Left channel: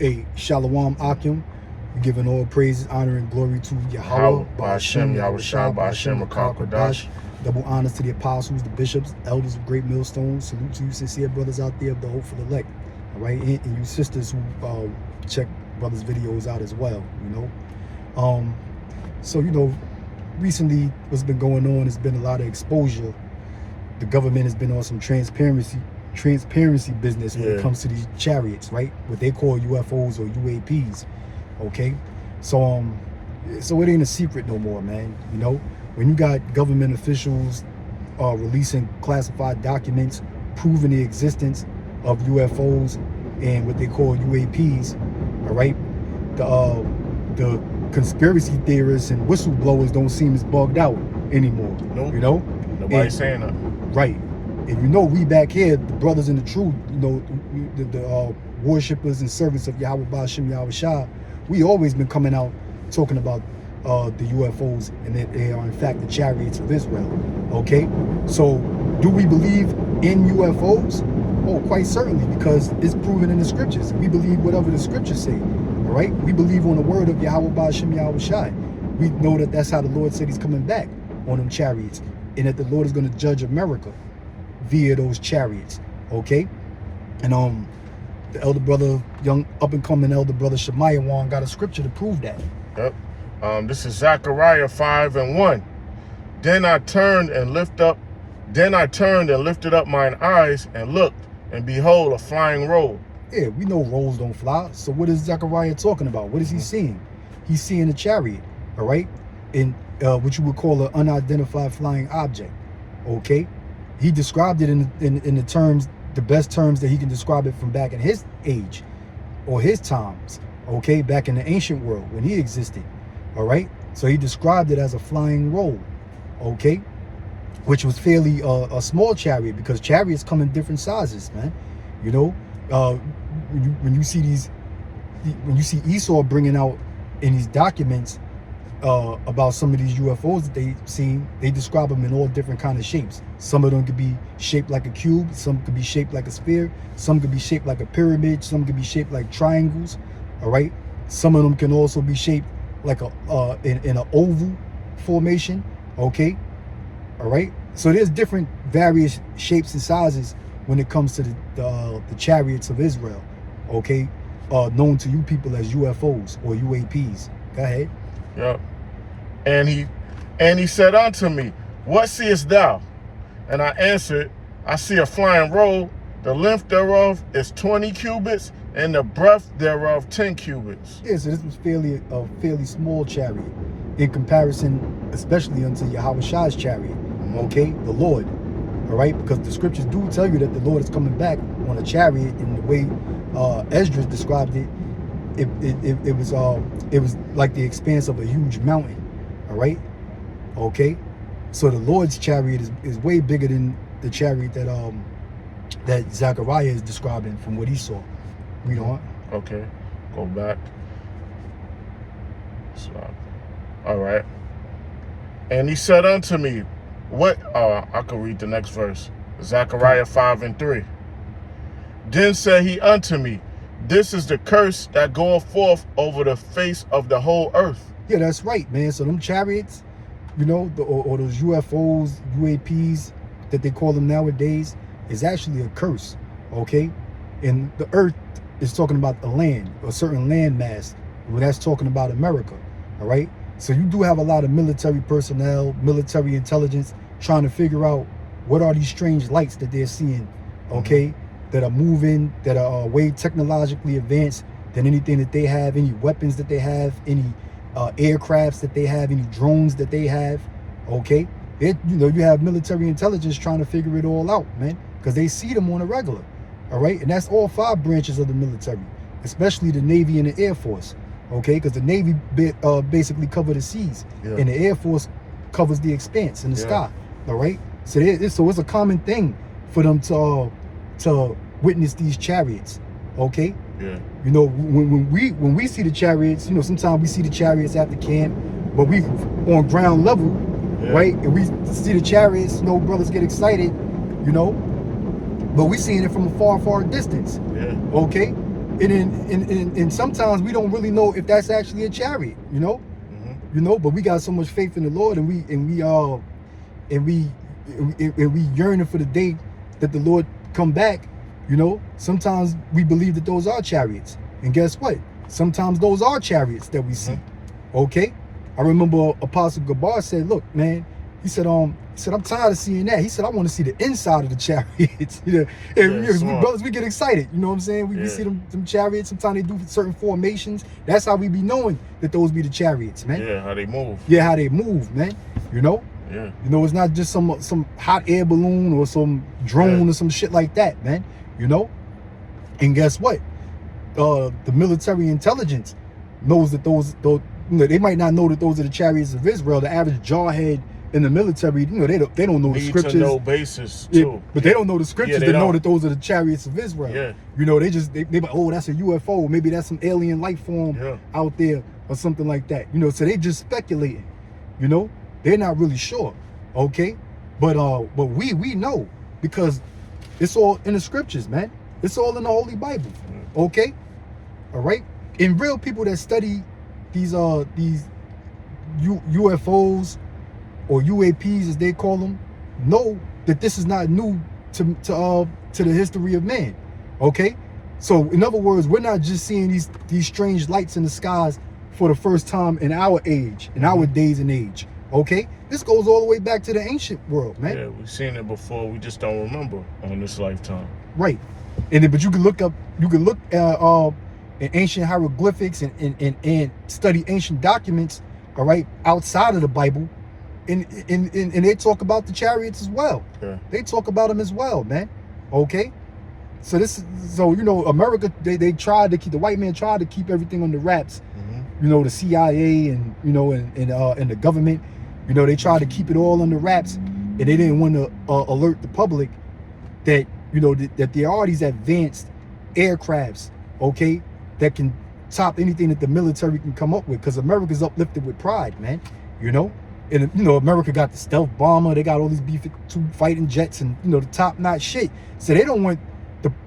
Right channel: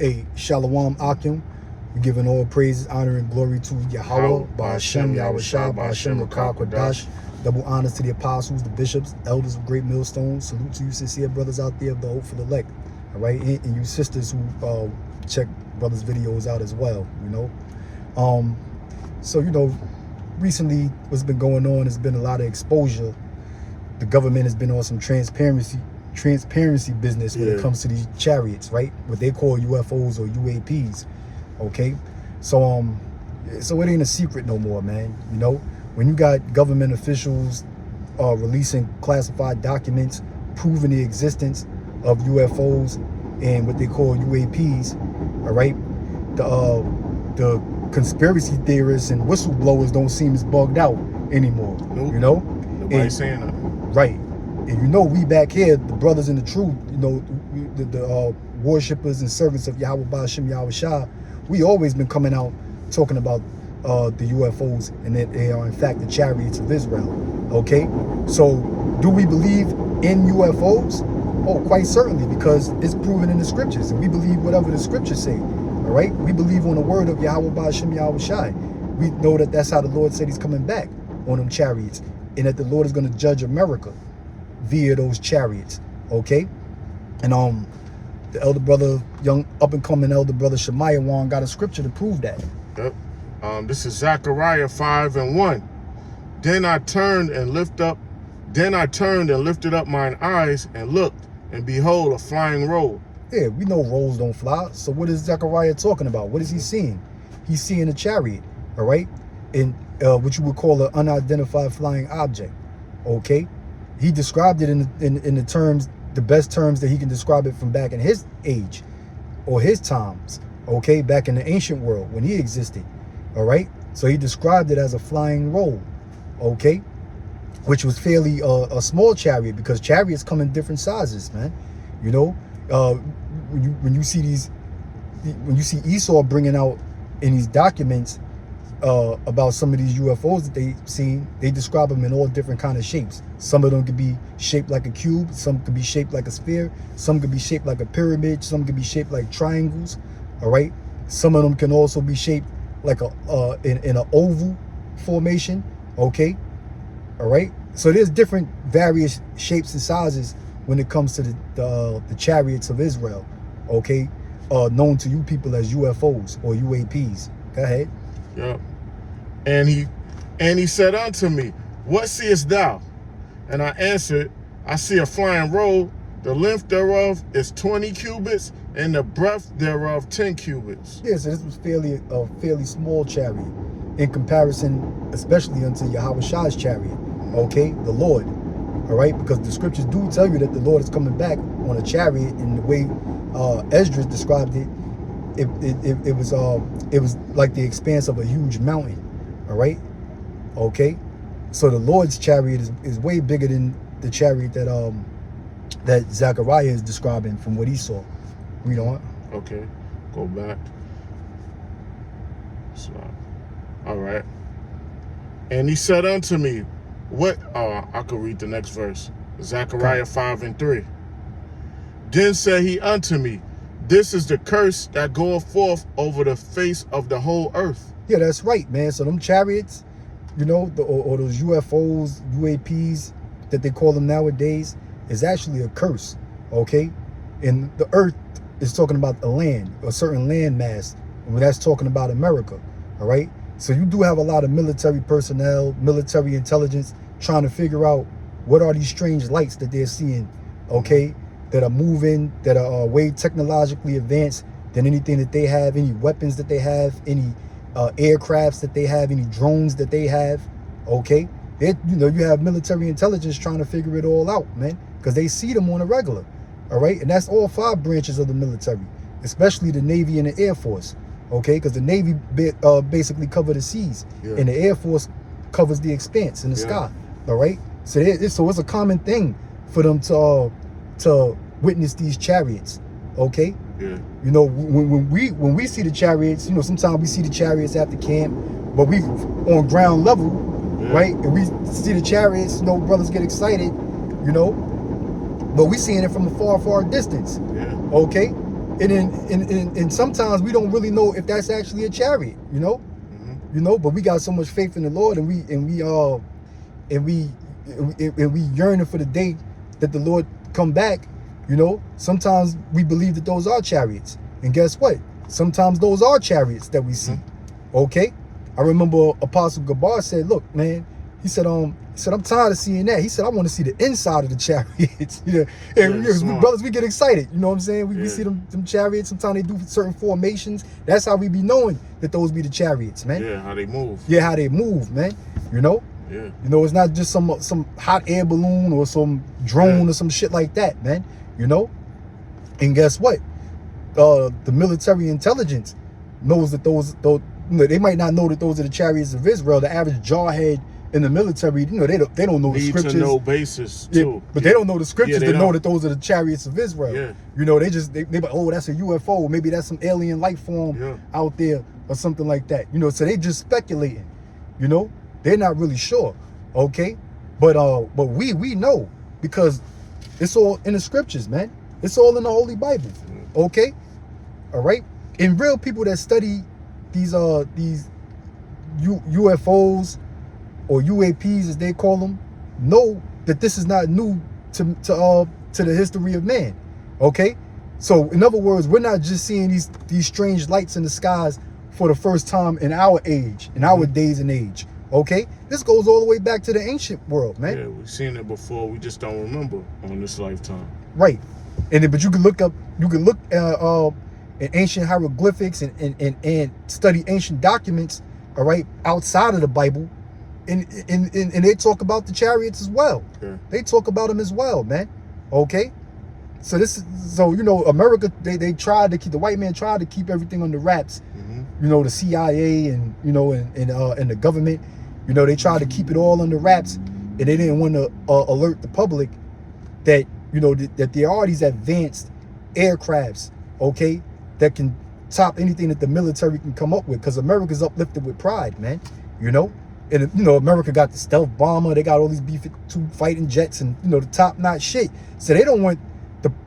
Hey, Shalom Akim. We're giving all praises, honor, and glory to Yahweh, Ba'ashem, Yahushua, Ba'ashem, Rakah, Kodash. Double honors to the apostles, the bishops, elders of Great Millstone. Salute to you, sincere brothers out there of the hopeful elect. All right, and you sisters who check brothers' videos out as well, you know. So, you know, recently what's been going on has been a lot of exposure. The government has been on some transparency business when it comes to these chariots, right? What they call UFOs or UAPs. Okay, so it ain't a secret no more, man. You know, when you got government officials releasing classified documents proving the existence of UFOs and what they call UAPs, all right, the conspiracy theorists and whistleblowers don't seem as bugged out anymore. Nope. You know, nobody's saying that. Right. And you know, we back here, the brothers in the truth, you know, the worshippers and servants of Yahweh Ba'ashem Yahushua, we always been coming out talking about the UFOs and that they are in fact the chariots of Israel. Okay, so do we believe in UFOs? Oh, quite certainly, because it's proven in the scriptures. We believe whatever the scriptures say. All right, we believe on the word of Yahweh Ba'ashem Yahushua. We know that that's how the Lord said He's coming back on them chariots, and that the Lord is going to judge America via those chariots. Okay, and the elder brother, young up and coming elder brother Shemaiah Wan got a scripture to prove that. Yep. This is Zechariah 5:1. Then I turned and lifted up mine eyes and looked, and behold, a flying roll. Yeah, we know rolls don't fly. So what is Zechariah talking about? What is he seeing? He's seeing a chariot, all right, in what you would call an unidentified flying object. Okay, he described it in the terms, the best terms that he can describe it from back in his age or his times. Okay, back in the ancient world when he existed. All right, so he described it as a flying roll. Okay, which was fairly a small chariot, because chariots come in different sizes, man. You know, when you see Esau bringing out in these documents about some of these UFOs that they seen, they describe them in all different kind of shapes. Some of them could be shaped like a cube, some could be shaped like a sphere, some could be shaped like a pyramid, some could be shaped like triangles. All right, some of them can also be shaped like a in an oval formation. Okay, all right, so there's different various shapes and sizes when it comes to the chariots of Israel. Okay, known to you people as UFOs or UAPs. Go ahead. Yep. And he said unto me, what seest thou? And I answered, I see a flying roll. The length thereof is 20 cubits, and the breadth thereof 10 cubits. Yeah, so this was a fairly small chariot in comparison, especially unto Yahushua's chariot. Okay, the Lord. All right, because the scriptures do tell you that the Lord is coming back on a chariot, in the way Esdras described it. It was like the expanse of a huge mountain. All right, okay, so the Lord's chariot is way bigger than the chariot that Zechariah is describing from what he saw. Read on. Okay, go back. So, all right. And he said unto me, what? I could read the next verse. Zechariah 5:3. Then said he unto me, this is the curse that goeth forth over the face of the whole earth. Yeah, that's right, man. So them chariots, you know, or those UFOs, UAPs that they call them nowadays, is actually a curse. Okay, and the earth is talking about a land, a certain land mass. Well, that's talking about America. All right, so you do have a lot of military personnel, military intelligence trying to figure out what are these strange lights that they're seeing. Okay, that are moving, that are way technologically advanced than anything that they have, any weapons that they have, any aircrafts that they have, any drones that they have. Okay, you know, you have military intelligence trying to figure it all out, man, because they see them on a regular. All right, and that's all 5 branches of the military, especially the Navy and the Air Force. Okay, because the Navy basically cover the seas, and the Air Force covers the expanse in the sky. All right, so it's a common thing for them to witness these chariots. Okay, you know, when we see the chariots, you know, sometimes we see the chariots at the camp, but we on ground level, right, and we see the chariots, you know, brothers get excited, you know, but we seeing it from a far distance. Okay, and sometimes we don't really know if that's actually a chariot, you know. You know, but we got so much faith in the Lord, and we yearning for the day that the Lord come back. You know, sometimes we believe that those are chariots, and guess what? Sometimes those are chariots that we see. Okay, I remember Apostle Gabar said, "Look, man," he said, "I'm tired of seeing that." He said, "I want to see the inside of the chariots." You know, and brothers, we get excited. You know what I'm saying? We see them chariots. Sometimes they do certain formations. That's how we be knowing that those be the chariots, man. Yeah, how they move. Yeah, how they move, man. You know. Yeah. You know, it's not just some hot air balloon or some drone or some shit like that, man. You know. And guess what? The military intelligence knows that those you know, they might not know that those are the chariots of Israel. The average jarhead in the military, you know, they don't know the scriptures. Need to know basis too. But they don't know the scriptures to know that those are the chariots of Israel. Yeah. You know, they like, oh, that's a UFO. Maybe that's some alien life form out there or something like that. You know, so they just speculating. You know, they're not really sure. Okay, but we know because it's all in the scriptures, man. It's all in the Holy Bible. Okay, all right. And real people that study these UFOs or UAPs as they call them know that this is not new to the history of man. Okay, so in other words, we're not just seeing these strange lights in the skies for the first time in our age, in our days and age. Okay, this goes all the way back to the ancient world, man. Yeah, we've seen it before. We just don't remember on this lifetime. Right, and then but you can look at in ancient hieroglyphics and study ancient documents. All right, outside of the Bible, and they talk about the chariots as well. Yeah. They talk about them as well, man. Okay, so you know, America, they tried to keep, the white man tried to keep everything under wraps. You know, the CIA and you know and the government, you know, they tried to keep it all under wraps, and they didn't want to alert the public that, you know, that there are these advanced aircrafts, okay, that can top anything that the military can come up with, because America's uplifted with pride, man. You know, and you know, America got the stealth bomber, they got all these B-52 fighting jets, and you know, the top-notch shit. So they don't want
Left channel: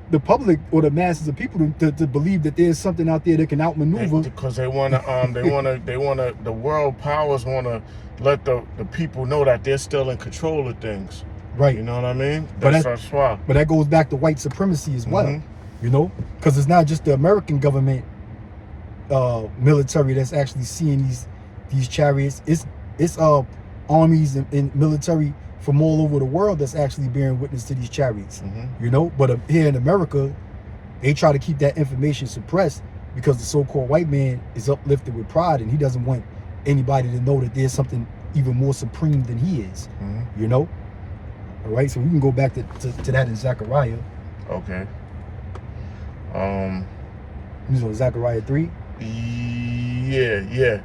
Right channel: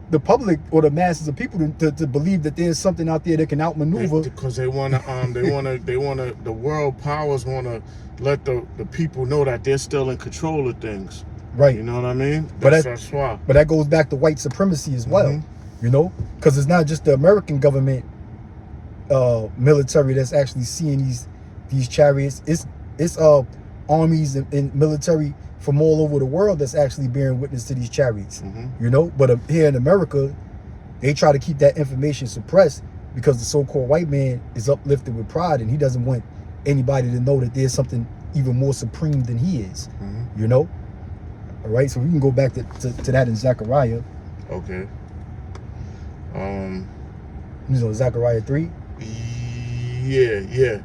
the public or the masses of people to believe that there's something out there that can outmaneuver. Because they wanna the world powers wanna let the people know that they're still in control of things. Right. You know what I mean? That's why. But that goes back to white supremacy as well. You know, because it's not just the American government military that's actually seeing these chariots. It's armies and military from all over the world that's actually bearing witness to these chariots. You know, but here in America, they try to keep that information suppressed because the so-called white man is uplifted with pride, and he doesn't want anybody to know that there's something even more supreme than he is. You know. All right, so we can go back to that in Zechariah. Okay. You know, Zechariah 3. Yeah.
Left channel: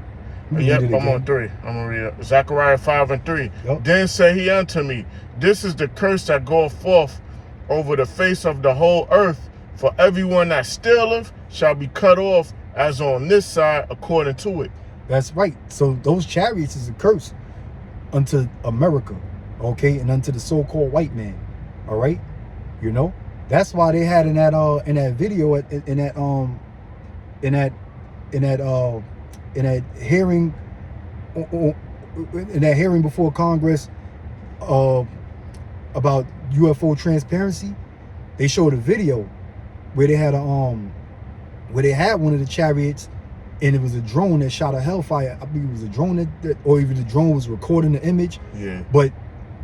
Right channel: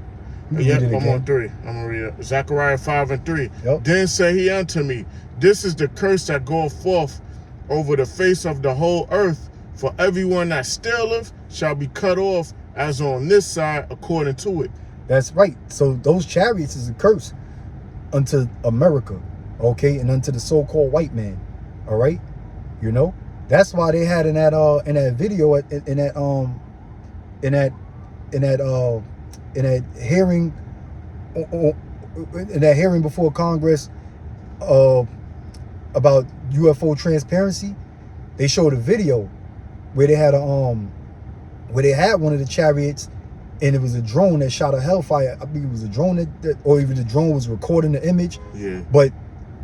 Yep, I'm on 3. I'm gonna read it. Zechariah 5 and 3. Yep. Then said he unto me, this is the curse that goeth forth over the face of the whole earth, for everyone that stealeth shall be cut off as on this side according to it. That's right. So those chariots is a curse unto America, okay, and unto the so-called white man. All right, you know, that's why they had in that video in that hearing before Congress about UFO transparency, they showed a video where they had one of the chariots, and it was a drone that shot a hellfire. I believe it was a drone or even the drone was recording the image. Yeah. But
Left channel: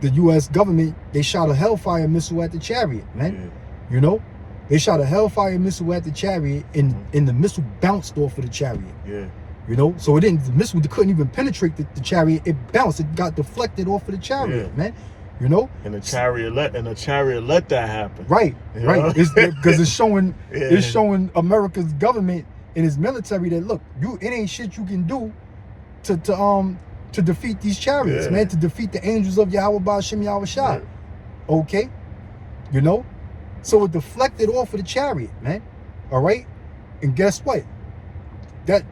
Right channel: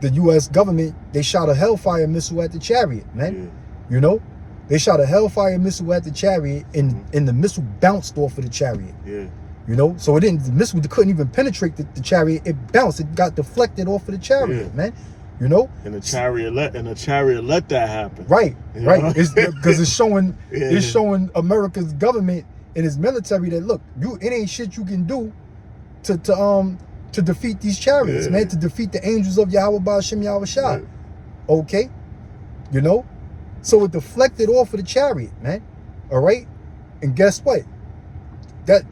the U.S. government, they shot a hellfire missile at the chariot, man. Yeah. You know, they shot a hellfire missile at the chariot, and the missile bounced off of the chariot. Yeah. You know, so the missile couldn't even penetrate the chariot. It bounced. It got deflected off of the chariot, man. You know, and the chariot let that happen. Right, right. It's because it's showing America's government and its military that, look, it ain't shit you can do to defeat these chariots, man. To defeat the angels of Yahweh Ba'Shem Yahweh Shai. Okay, you know, so it deflected off of the chariot, man. All right, and guess what? That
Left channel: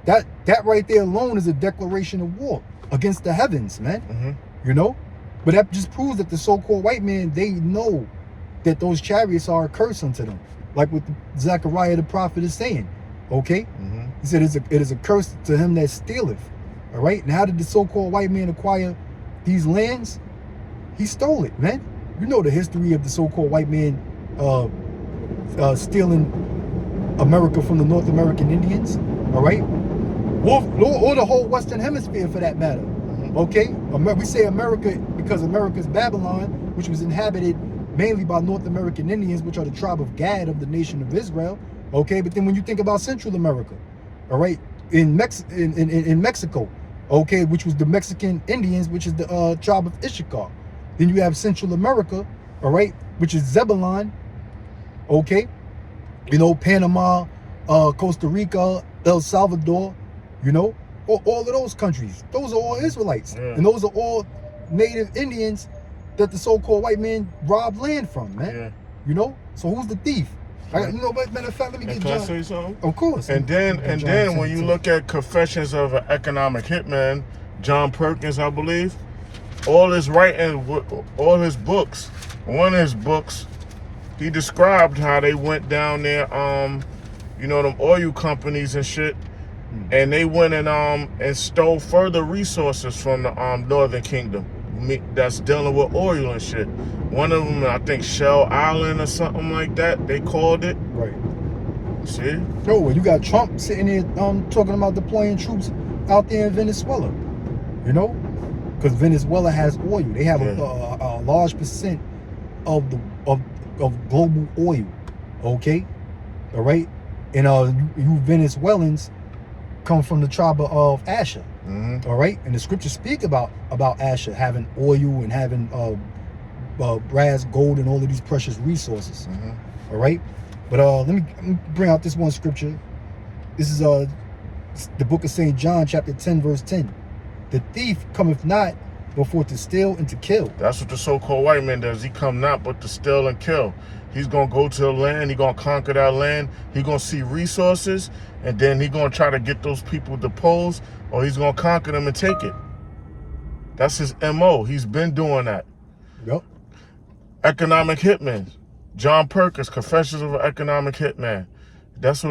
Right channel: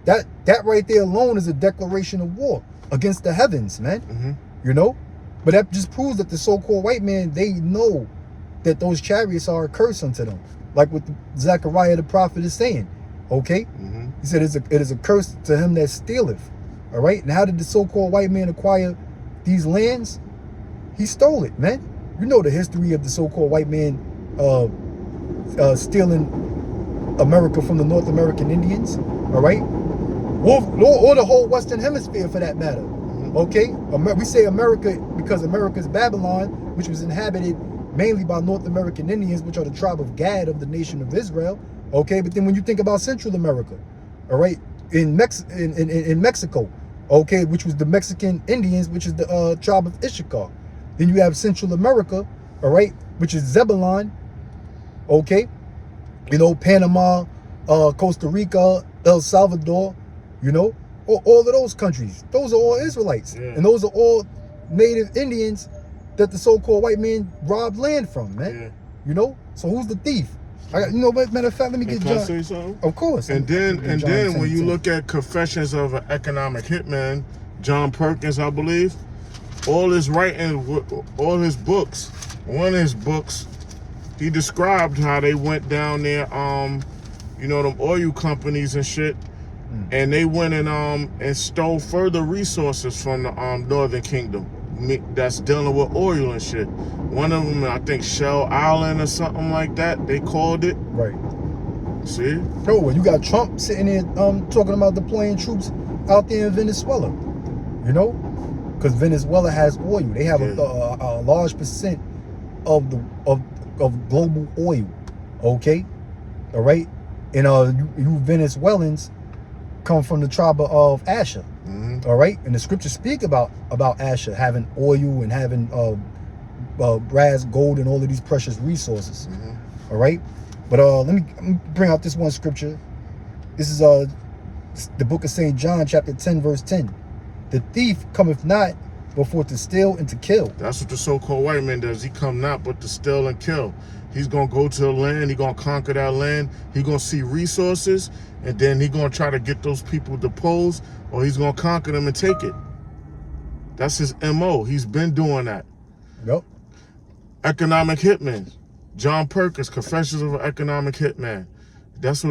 right there alone is a declaration of war against the heavens, man. You know. But that just proves that the so-called white man, they know that those chariots are a curse unto them. like what Zechariah the prophet is saying. Okay? He said it is a curse to him that stealeth. All right? And how did the so-called white man acquire these lands? He stole it, man. You know the history of the so-called white man stealing America from the North American Indians. All right? Or the whole Western Hemisphere for that matter. Okay? We say America because America's Babylon, which was inhabited mainly by North American Indians, which are the tribe of Gad of the nation of Israel. Okay? But then when you think about Central America, all right, in Mexico, okay, which was the Mexican Indians, which is the tribe of Issachar. Then you have Central America, all right, which is Zebulon, okay, you know, Panama, Costa Rica, El Salvador, you know, all of those countries. Those are all Israelites, and those are all native Indians that the so-called white man robbed land from, man. You know, so who's the thief? You know what, matter of fact, let me get John. Can I say something? Of course. And then when you look at Confessions of an Economic Hitman, John Perkins, I believe, all his writing, all his books, one of his books, he described how they went down there, you know, them oil companies and shit, and they went and stole further resources from the Northern Kingdom that's dealing with oil and shit. One of them, I think, Shell Island or something like that, they called it. Right. See? Yo, well, you got Trump sitting there talking about deploying troops out there in Venezuela, you know? Because Venezuela has oil. They have a large percent of global oil, okay? All right? And you Venezuelans come from the tribe of Asher, all right? And the scriptures speak about Asher having oil and having brass, gold, and all of these precious resources, all right? But let me bring out this one scripture. This is the book of St. John, chapter 10, verse 10. The thief cometh not before to steal and to kill. That's what the so-called white man does. He come not but to steal and kill. He's going to go to the land. He's going to conquer that land. He's going to see resources, and then he's going to try to get those people deposed, or he's going to conquer them and take it. That's his M.O. He's been doing that. Yep. Economic Hitman. John Perkins, Confessions of an Economic Hitman. That's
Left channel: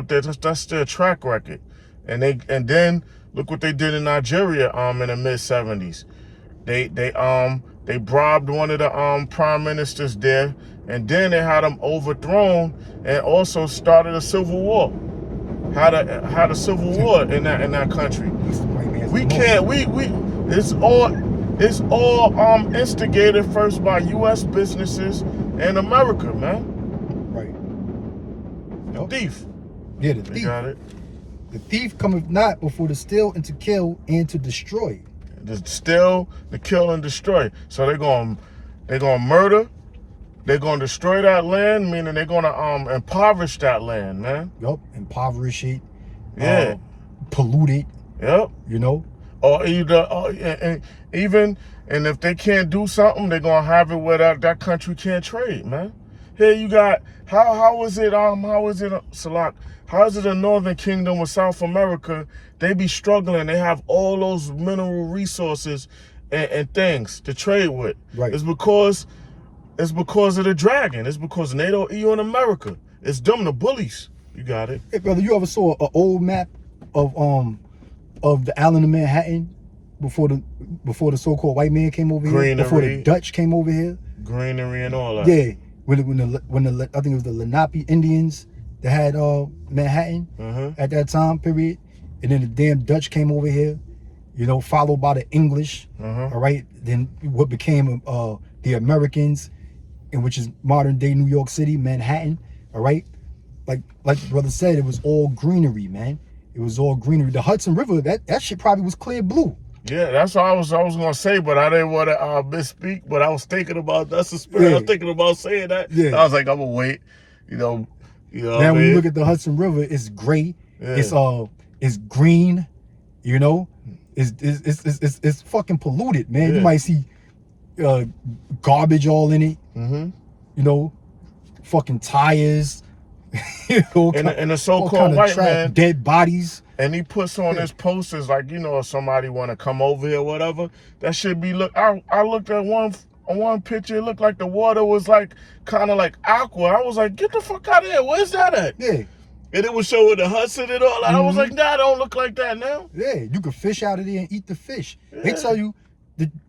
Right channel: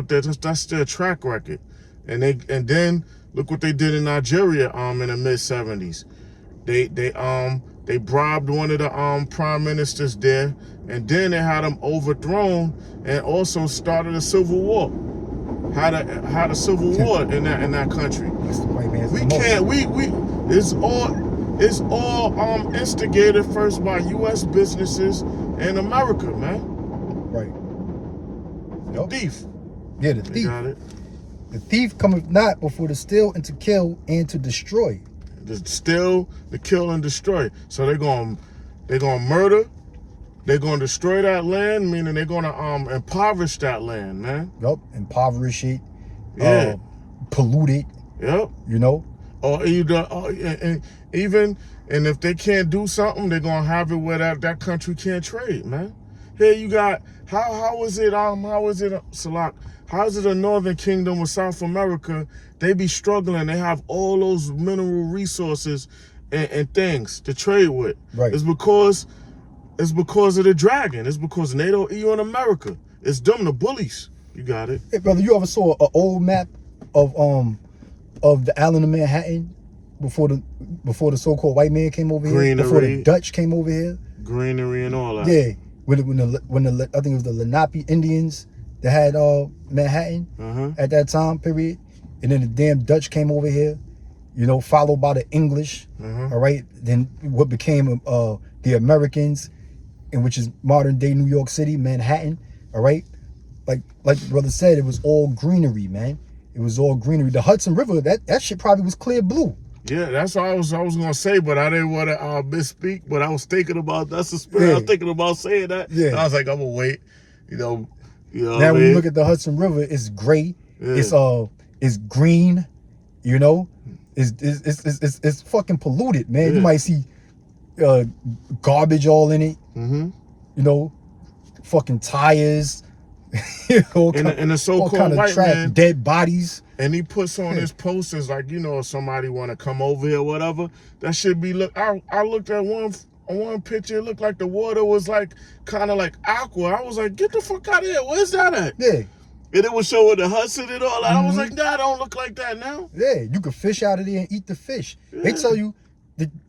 their track record. And then look what they did in Nigeria in the mid-70s. They bribed one of the prime ministers there, and then they had him overthrown and also started a civil war. Had a civil war in that country. It's all instigated first by U.S. businesses and America, man. Right. The thief. Yeah, the thief. You got it. The thief cometh not before to steal and to kill and to destroy. To steal, to kill, and destroy. So they're gonna murder. They're gonna destroy that land, meaning they're gonna impoverish that land, man. Yup, impoverish it. Yeah. Pollute it. Yep. You know. Or either, and if they can't do something, they're gonna have it where that country can't trade, man. Here you got how is it Salak? How is it a Northern Kingdom with South America? They be struggling. They have all those mineral resources and things to trade with. Right. It's because of the dragon. It's because NATO, EU, and America. It's them, the bullies. You got it. Hey, brother, you ever saw an old map of the island of Manhattan before the so-called white man came over here? Before the Dutch came over here? Greenery and all that. Yeah. When the I think it was the Lenape Indians that had Manhattan at that time period, and then the damn Dutch came over here, you know, followed by the English. All right, then what became the Americans, and which is modern day New York City, Manhattan. All right, like brother said, it was all greenery, man. It was all greenery. The Hudson River, that shit probably was clear blue. Yeah, that's what I was gonna say, but I didn't want to misspeak. But I was thinking about that's the spirit. I was thinking about saying that. Yeah. I was like, I'm gonna wait. You know. Now when you look at the Hudson River, it's gray. Yeah. It's green. You know, it's fucking polluted, man. Yeah. You might see garbage all in it. You know, fucking tires. And the so-called white man, dead bodies. And he puts on his posters like, you know, if somebody want to come over here or whatever, that should be I looked at one picture, it looked like the water was like kind of like aqua. I was like, get the fuck out of here. Where's that at? Yeah. And it was showing the Hudson and all that. I was like, nah, don't look like that now. Yeah, you can fish out of there and eat the fish. Yeah. They tell you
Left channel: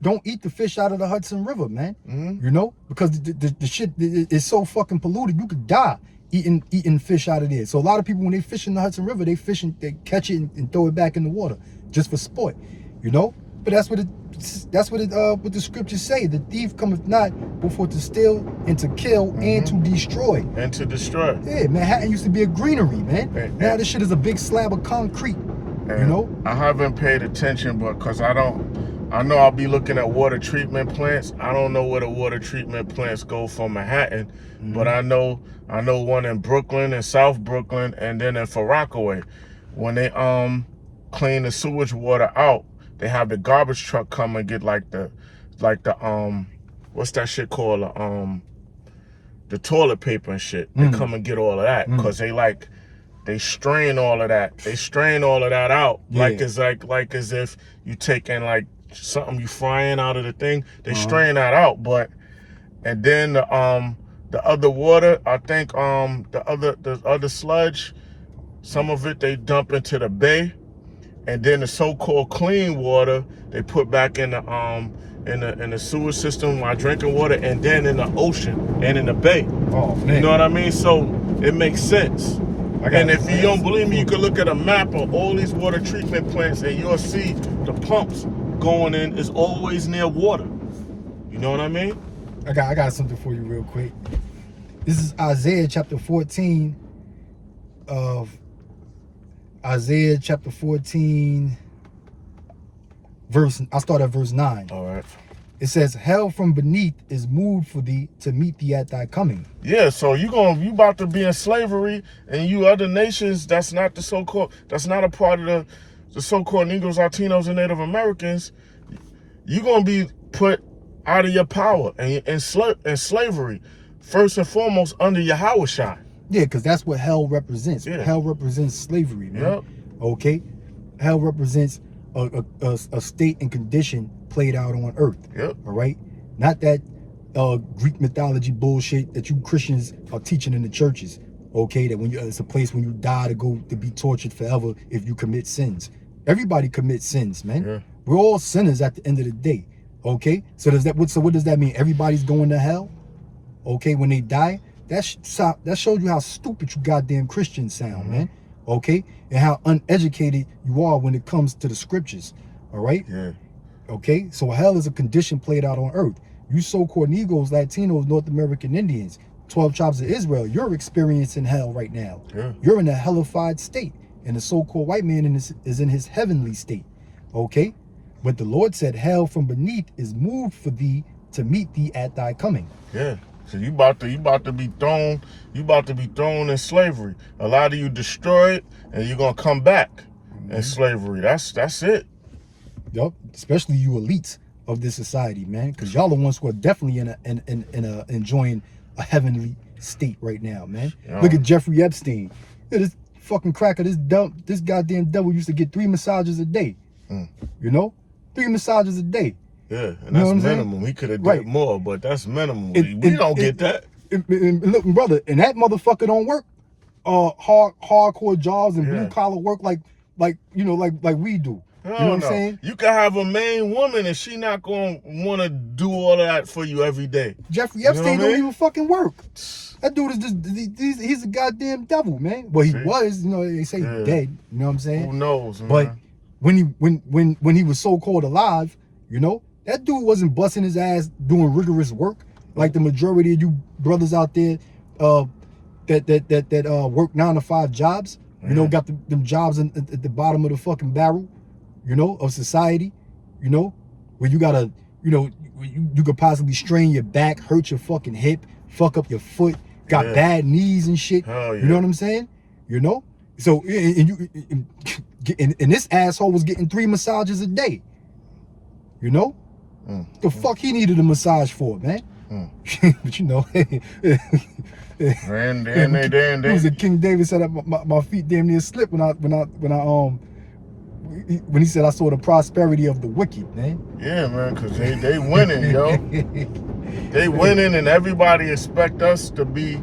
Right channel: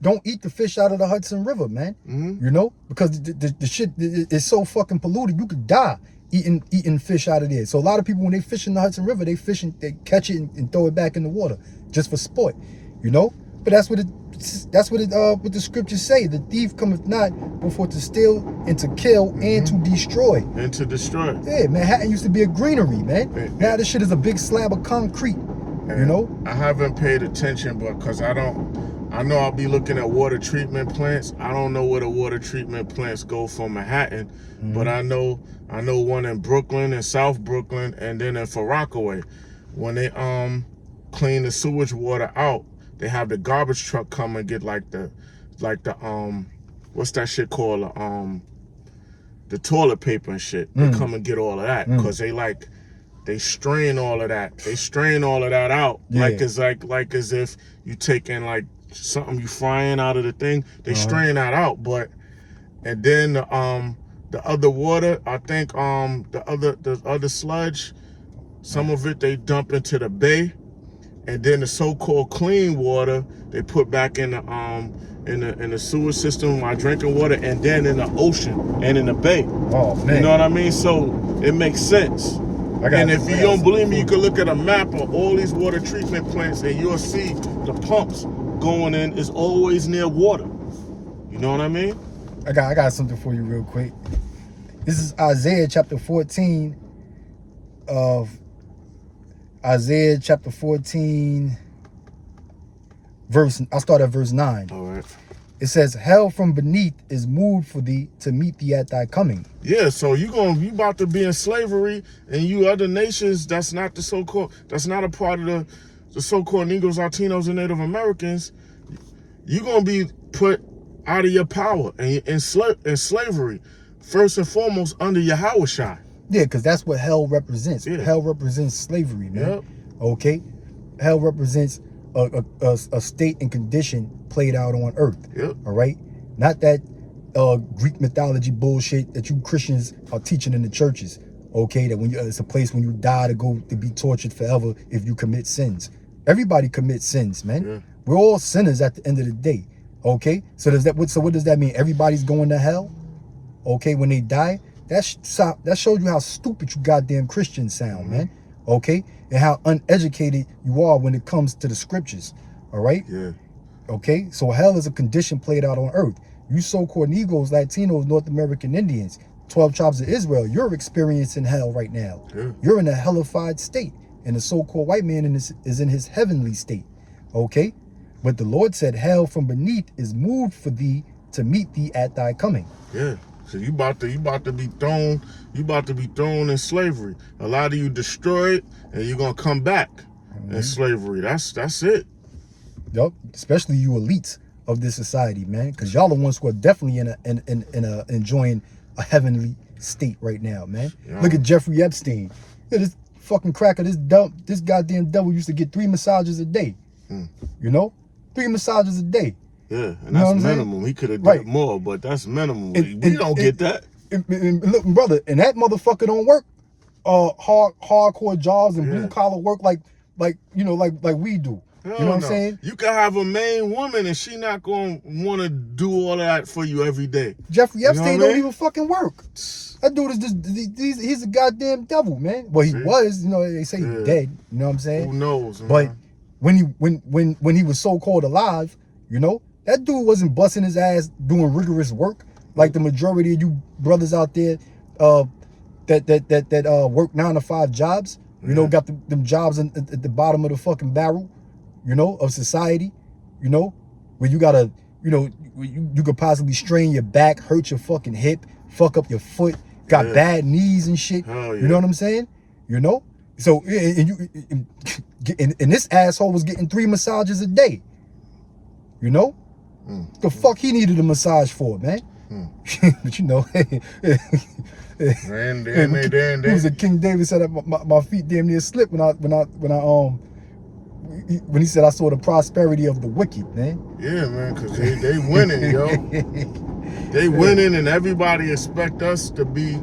don't eat the fish out of the Hudson River, man. Mm-hmm. You know, because the shit is so fucking polluted, you could die eating fish out of there. So a lot of people, when they fish in the Hudson River, they catch it and throw it back in the water just for sport. You know, but that's what the scriptures say. The thief cometh not before to steal and to kill and to destroy. And to destroy. Yeah, Manhattan used to be a greenery, man. Now this shit is a big slab of concrete. You know? I haven't paid attention, but because I know I'll be looking at water treatment plants. I don't know where the water treatment plants go from Manhattan, but I know one in Brooklyn and South Brooklyn, and then in Rockaway. When they clean the sewage water out, they have the garbage truck come and get like the what's that shit called? The toilet paper and shit. They come and get all of that because they strain all of that. They strain all of that out like as if you taking like something you frying out of the thing. They strain that out, and then the other water, I think the other sludge, some of it they dump into the bay, and then the so-called clean water they put back in the sewer system while drinking water, and then in the ocean and in the bay. Oh, man. You know what I mean? So it makes sense. And if you don't believe me, you can look at a map of all these water treatment plants and you'll see the pumps going in is always near water. You know what I mean? I got something for you real quick. This is Isaiah chapter 14 I start at verse 9. All right. It says, hell from beneath is moved for thee to meet thee at thy coming. Yeah, so you about to be in slavery, and you other nations that's not a part of the so-called Negroes, Latinos, and Native Americans, you're gonna be put out of your power and in slavery, first and foremost under Yahushua. Yeah, because that's what hell represents. Yeah. Hell represents slavery, man. Yep. Okay? Hell represents a state and condition played out on earth. Yep. All right? Not that Greek mythology bullshit that you Christians are teaching in the churches. Okay? That it's a place when you die to be tortured forever if you commit sins. Everybody commits sins, man. Yeah. We're all sinners at the end of the day. Okay? So what does that mean? Everybody's going to hell? Okay, when they die? That shows you how stupid you goddamn Christians sound, man. Okay? And how uneducated you are when it comes to the scriptures. All right? Yeah. Okay? So hell is a condition played out on earth. You so-called Negroes, Latinos, North American Indians, 12 tribes of Israel, you're experiencing hell right now. Yeah. You're in a hellified state. And the so-called white man is in his heavenly state. Okay? But the Lord said, hell from beneath is moved for thee to meet thee at thy coming. Yeah. So you about to be thrown in slavery. A lot of you destroyed, and you're gonna come back in slavery. That's it. Yup. Especially you elites of this society, man, because y'all the ones who are definitely enjoying a heavenly state right now, man. Yeah. Look at Jeffrey Epstein. Look at this fucking cracker. This goddamn devil used to get 3 massages a day. You know, 3 massages a day. Yeah, and that's minimum. He could have did more, but that's minimum. We don't get that. Look, brother, and that motherfucker don't work hardcore jobs and blue collar work like we do. You know what I'm saying? You can have a main woman and she not gonna want to do all of that for you every day. Jeffrey Epstein don't even fucking work. That dude is just he's a goddamn devil, man. Well, he was, they say he's dead. You know what I'm saying? Who knows, man? But when he was so called alive, that dude wasn't busting his ass doing rigorous work like the majority of you brothers out there that work 9 to 5 jobs. Got them jobs at the bottom of the fucking barrel, of society, where you gotta, you could possibly strain your back, hurt your fucking hip, fuck up your foot, got bad knees and shit. Hell yeah. You know what I'm saying? So and this asshole was getting 3 massages a day. The fuck he needed a massage for, man? But he was a King David said my feet damn near slipped when I when he said, I saw the prosperity of the wicked, man. Yeah, man, because they winning, yo. They winning, and everybody expect us to be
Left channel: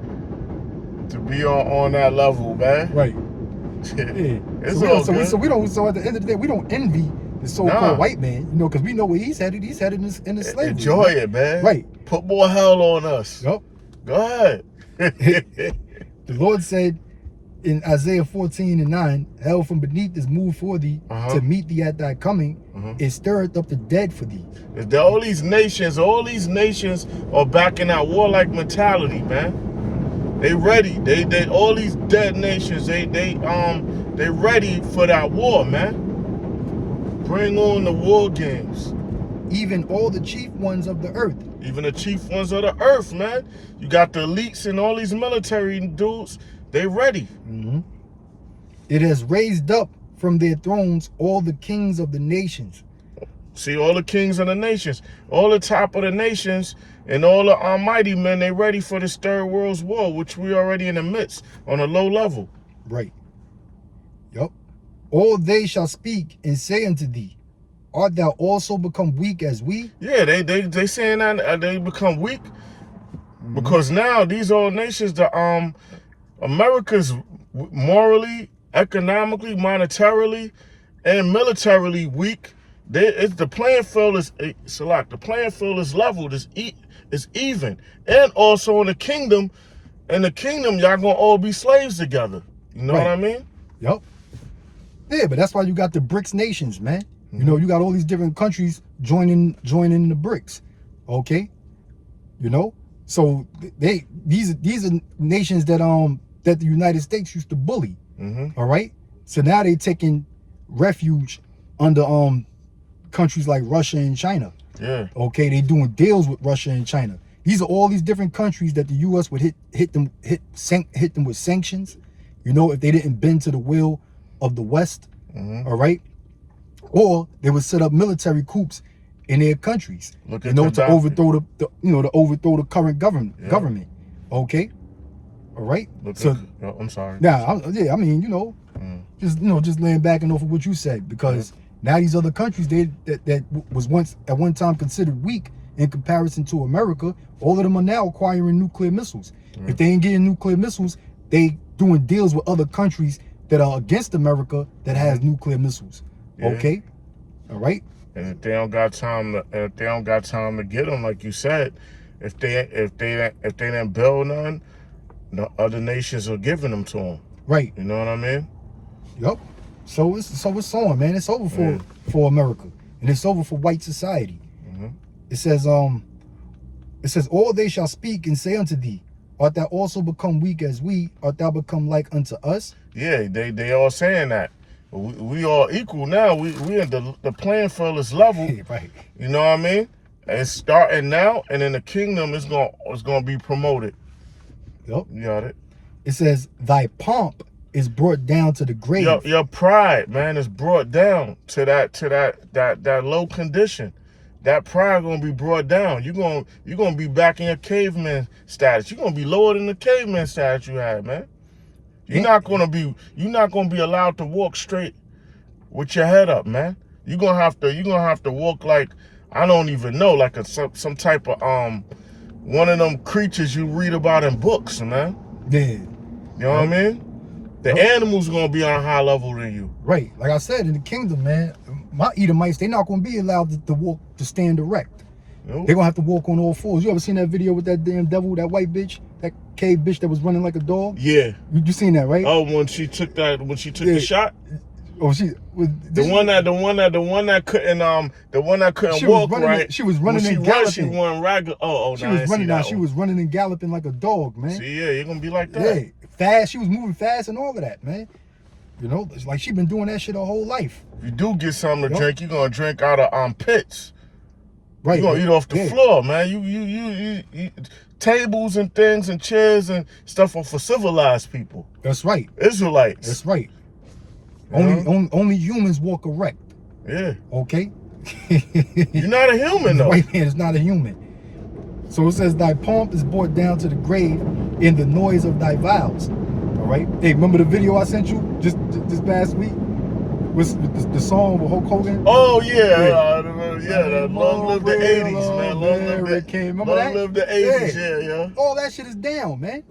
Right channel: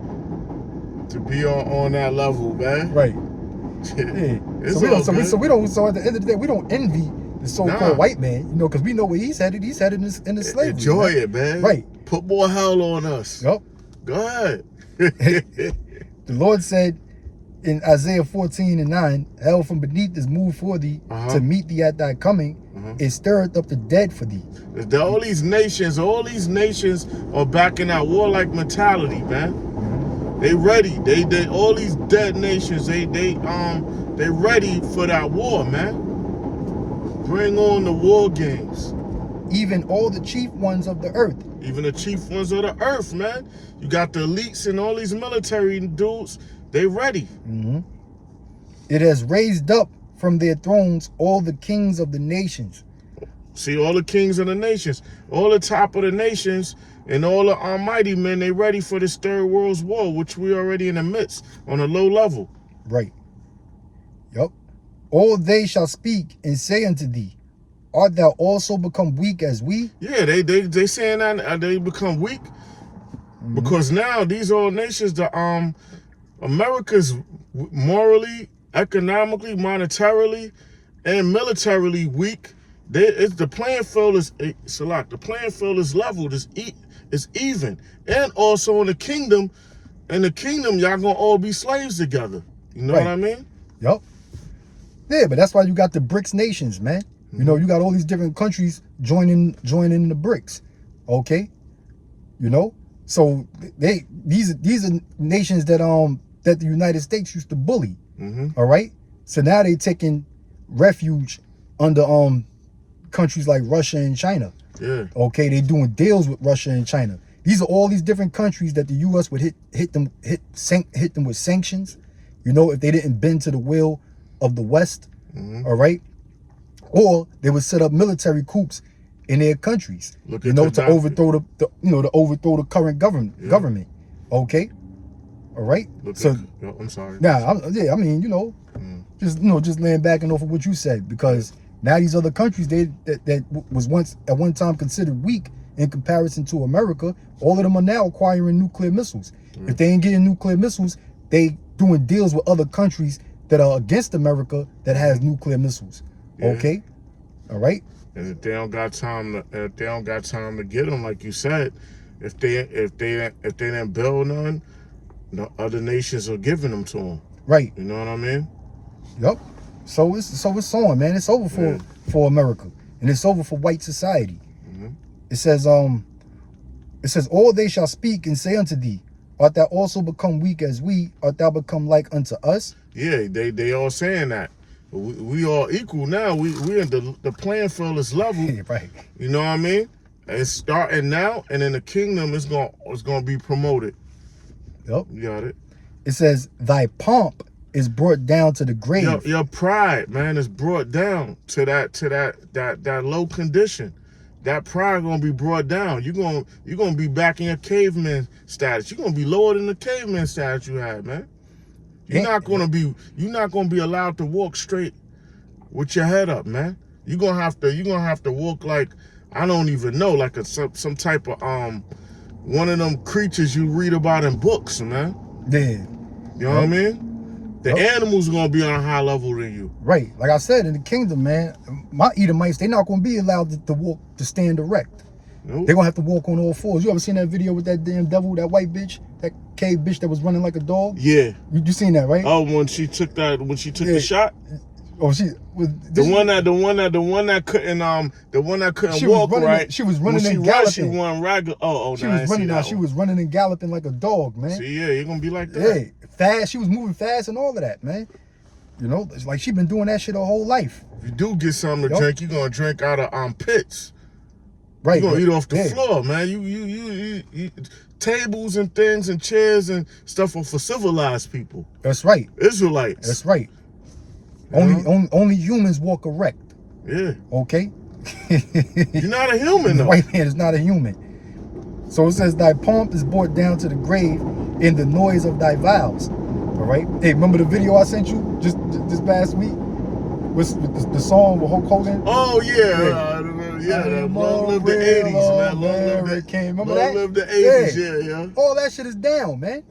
on that level, man. Right. Yeah. It's So all at the end of the day, we don't envy the so-called white man, you know, because we know where he's headed. He's headed in the slavery. Enjoy it, man. Right. Put more hell on us. Yep. Go ahead. The Lord said in Isaiah 14:9, hell from beneath is moved for thee to meet thee at thy coming. It stirreth up the dead for thee. All these nations are back in that warlike mentality, man. They ready. They all these dead nations, they ready for that war, man. Bring on the war games. Even all the chief ones of the earth. Even the chief ones of the earth, man. You got the elites and all these military dudes. They ready. It has raised up from their thrones all the kings of the nations. See, all the kings of the nations, all the top of the nations, and all the almighty men, they ready for this third world's war, which we already in the midst on a low level. Right. Yup. All they shall speak and say unto thee, art thou also become weak as we? Yeah, they saying that they become weak because now these old nations, the America's morally, economically, monetarily, and militarily weak. The playing field is the playing field is leveled, it's even, and also in the kingdom. In the kingdom, y'all gonna all be slaves together. You know what I mean? Yup. Yeah, but that's why you got the BRICS nations, man. You know, you got all these different countries joining the BRICS. Okay, you know, so these are nations that the United States used to bully. All right, so now they taking refuge under countries like Russia and China. Yeah. Okay, they doing deals with Russia and China. These are all these different countries that the U.S. would hit them with sanctions. You know, if they didn't bend to the will of the West. All right, or they would set up military coups in their countries. To overthrow the current government. Okay, all right. I'm sorry. I mean, just laying back and off of what you said, because now these other countries that was once at one time considered weak in comparison to America, all of them are now acquiring nuclear missiles. If they ain't getting nuclear missiles, they doing deals with other countries that are against America that has nuclear missiles. Okay, all right. And if they don't got time to get them, like you said, if they didn't build none, the other nations are giving them to them. Right. You know what I mean? Yep. So it's on, man. It's over for America, and it's over for white society. It says all they shall speak and say unto thee, art thou also become weak as we? Art thou become like unto us? Yeah, they all saying that. We all equal now. We in the playing field is level. Right. You know what I mean? And it's starting now, and in the kingdom it's gonna be promoted. Yep. You got it. It says thy pomp is brought down to the grave. Your pride, man, is brought down to that low condition. That pride gonna be brought down. You're gonna be back in your caveman status. You're gonna be lower than the caveman status you had, man. You're not gonna be allowed to walk straight with your head up, man. You're gonna have to walk like, I don't even know, like some type of one of them creatures you read about in books, man. Yeah. You know what I mean? The animals are gonna be on a high level than you. Right. Like I said, in the kingdom, man, my Edomites, they're not gonna be allowed to stand erect. Nope. They're gonna have to walk on all fours. You ever seen that video with that damn devil, that white bitch, that cave bitch that was running like a dog? Yeah. You seen that, right? Oh, when she took the shot? Oh, the one that couldn't walk, right? She was running and galloping. She won ragged. She was running now. She was running and galloping like a dog, man. See, yeah, you're gonna be like that. Yeah, fast. She was moving fast and all of that, man. You know, it's like she been doing that shit her whole life. If you do get something to drink, you're gonna drink out of pits. Right. You're gonna eat off the floor, man. You tables and things and chairs and stuff are for civilized people. That's right. Israelites. That's right. Only humans walk erect. Yeah. Okay? You're not a human, though. The white man is not a human. So it says, thy pomp is brought down to the grave in the noise of thy vows. All right? Hey, remember the video I sent you just past week? What's the song with Hulk Hogan? Oh yeah, I am long a live the real 80s, man. Long live American. the, Remember long that? live the 80s, yeah. All that shit is down, man.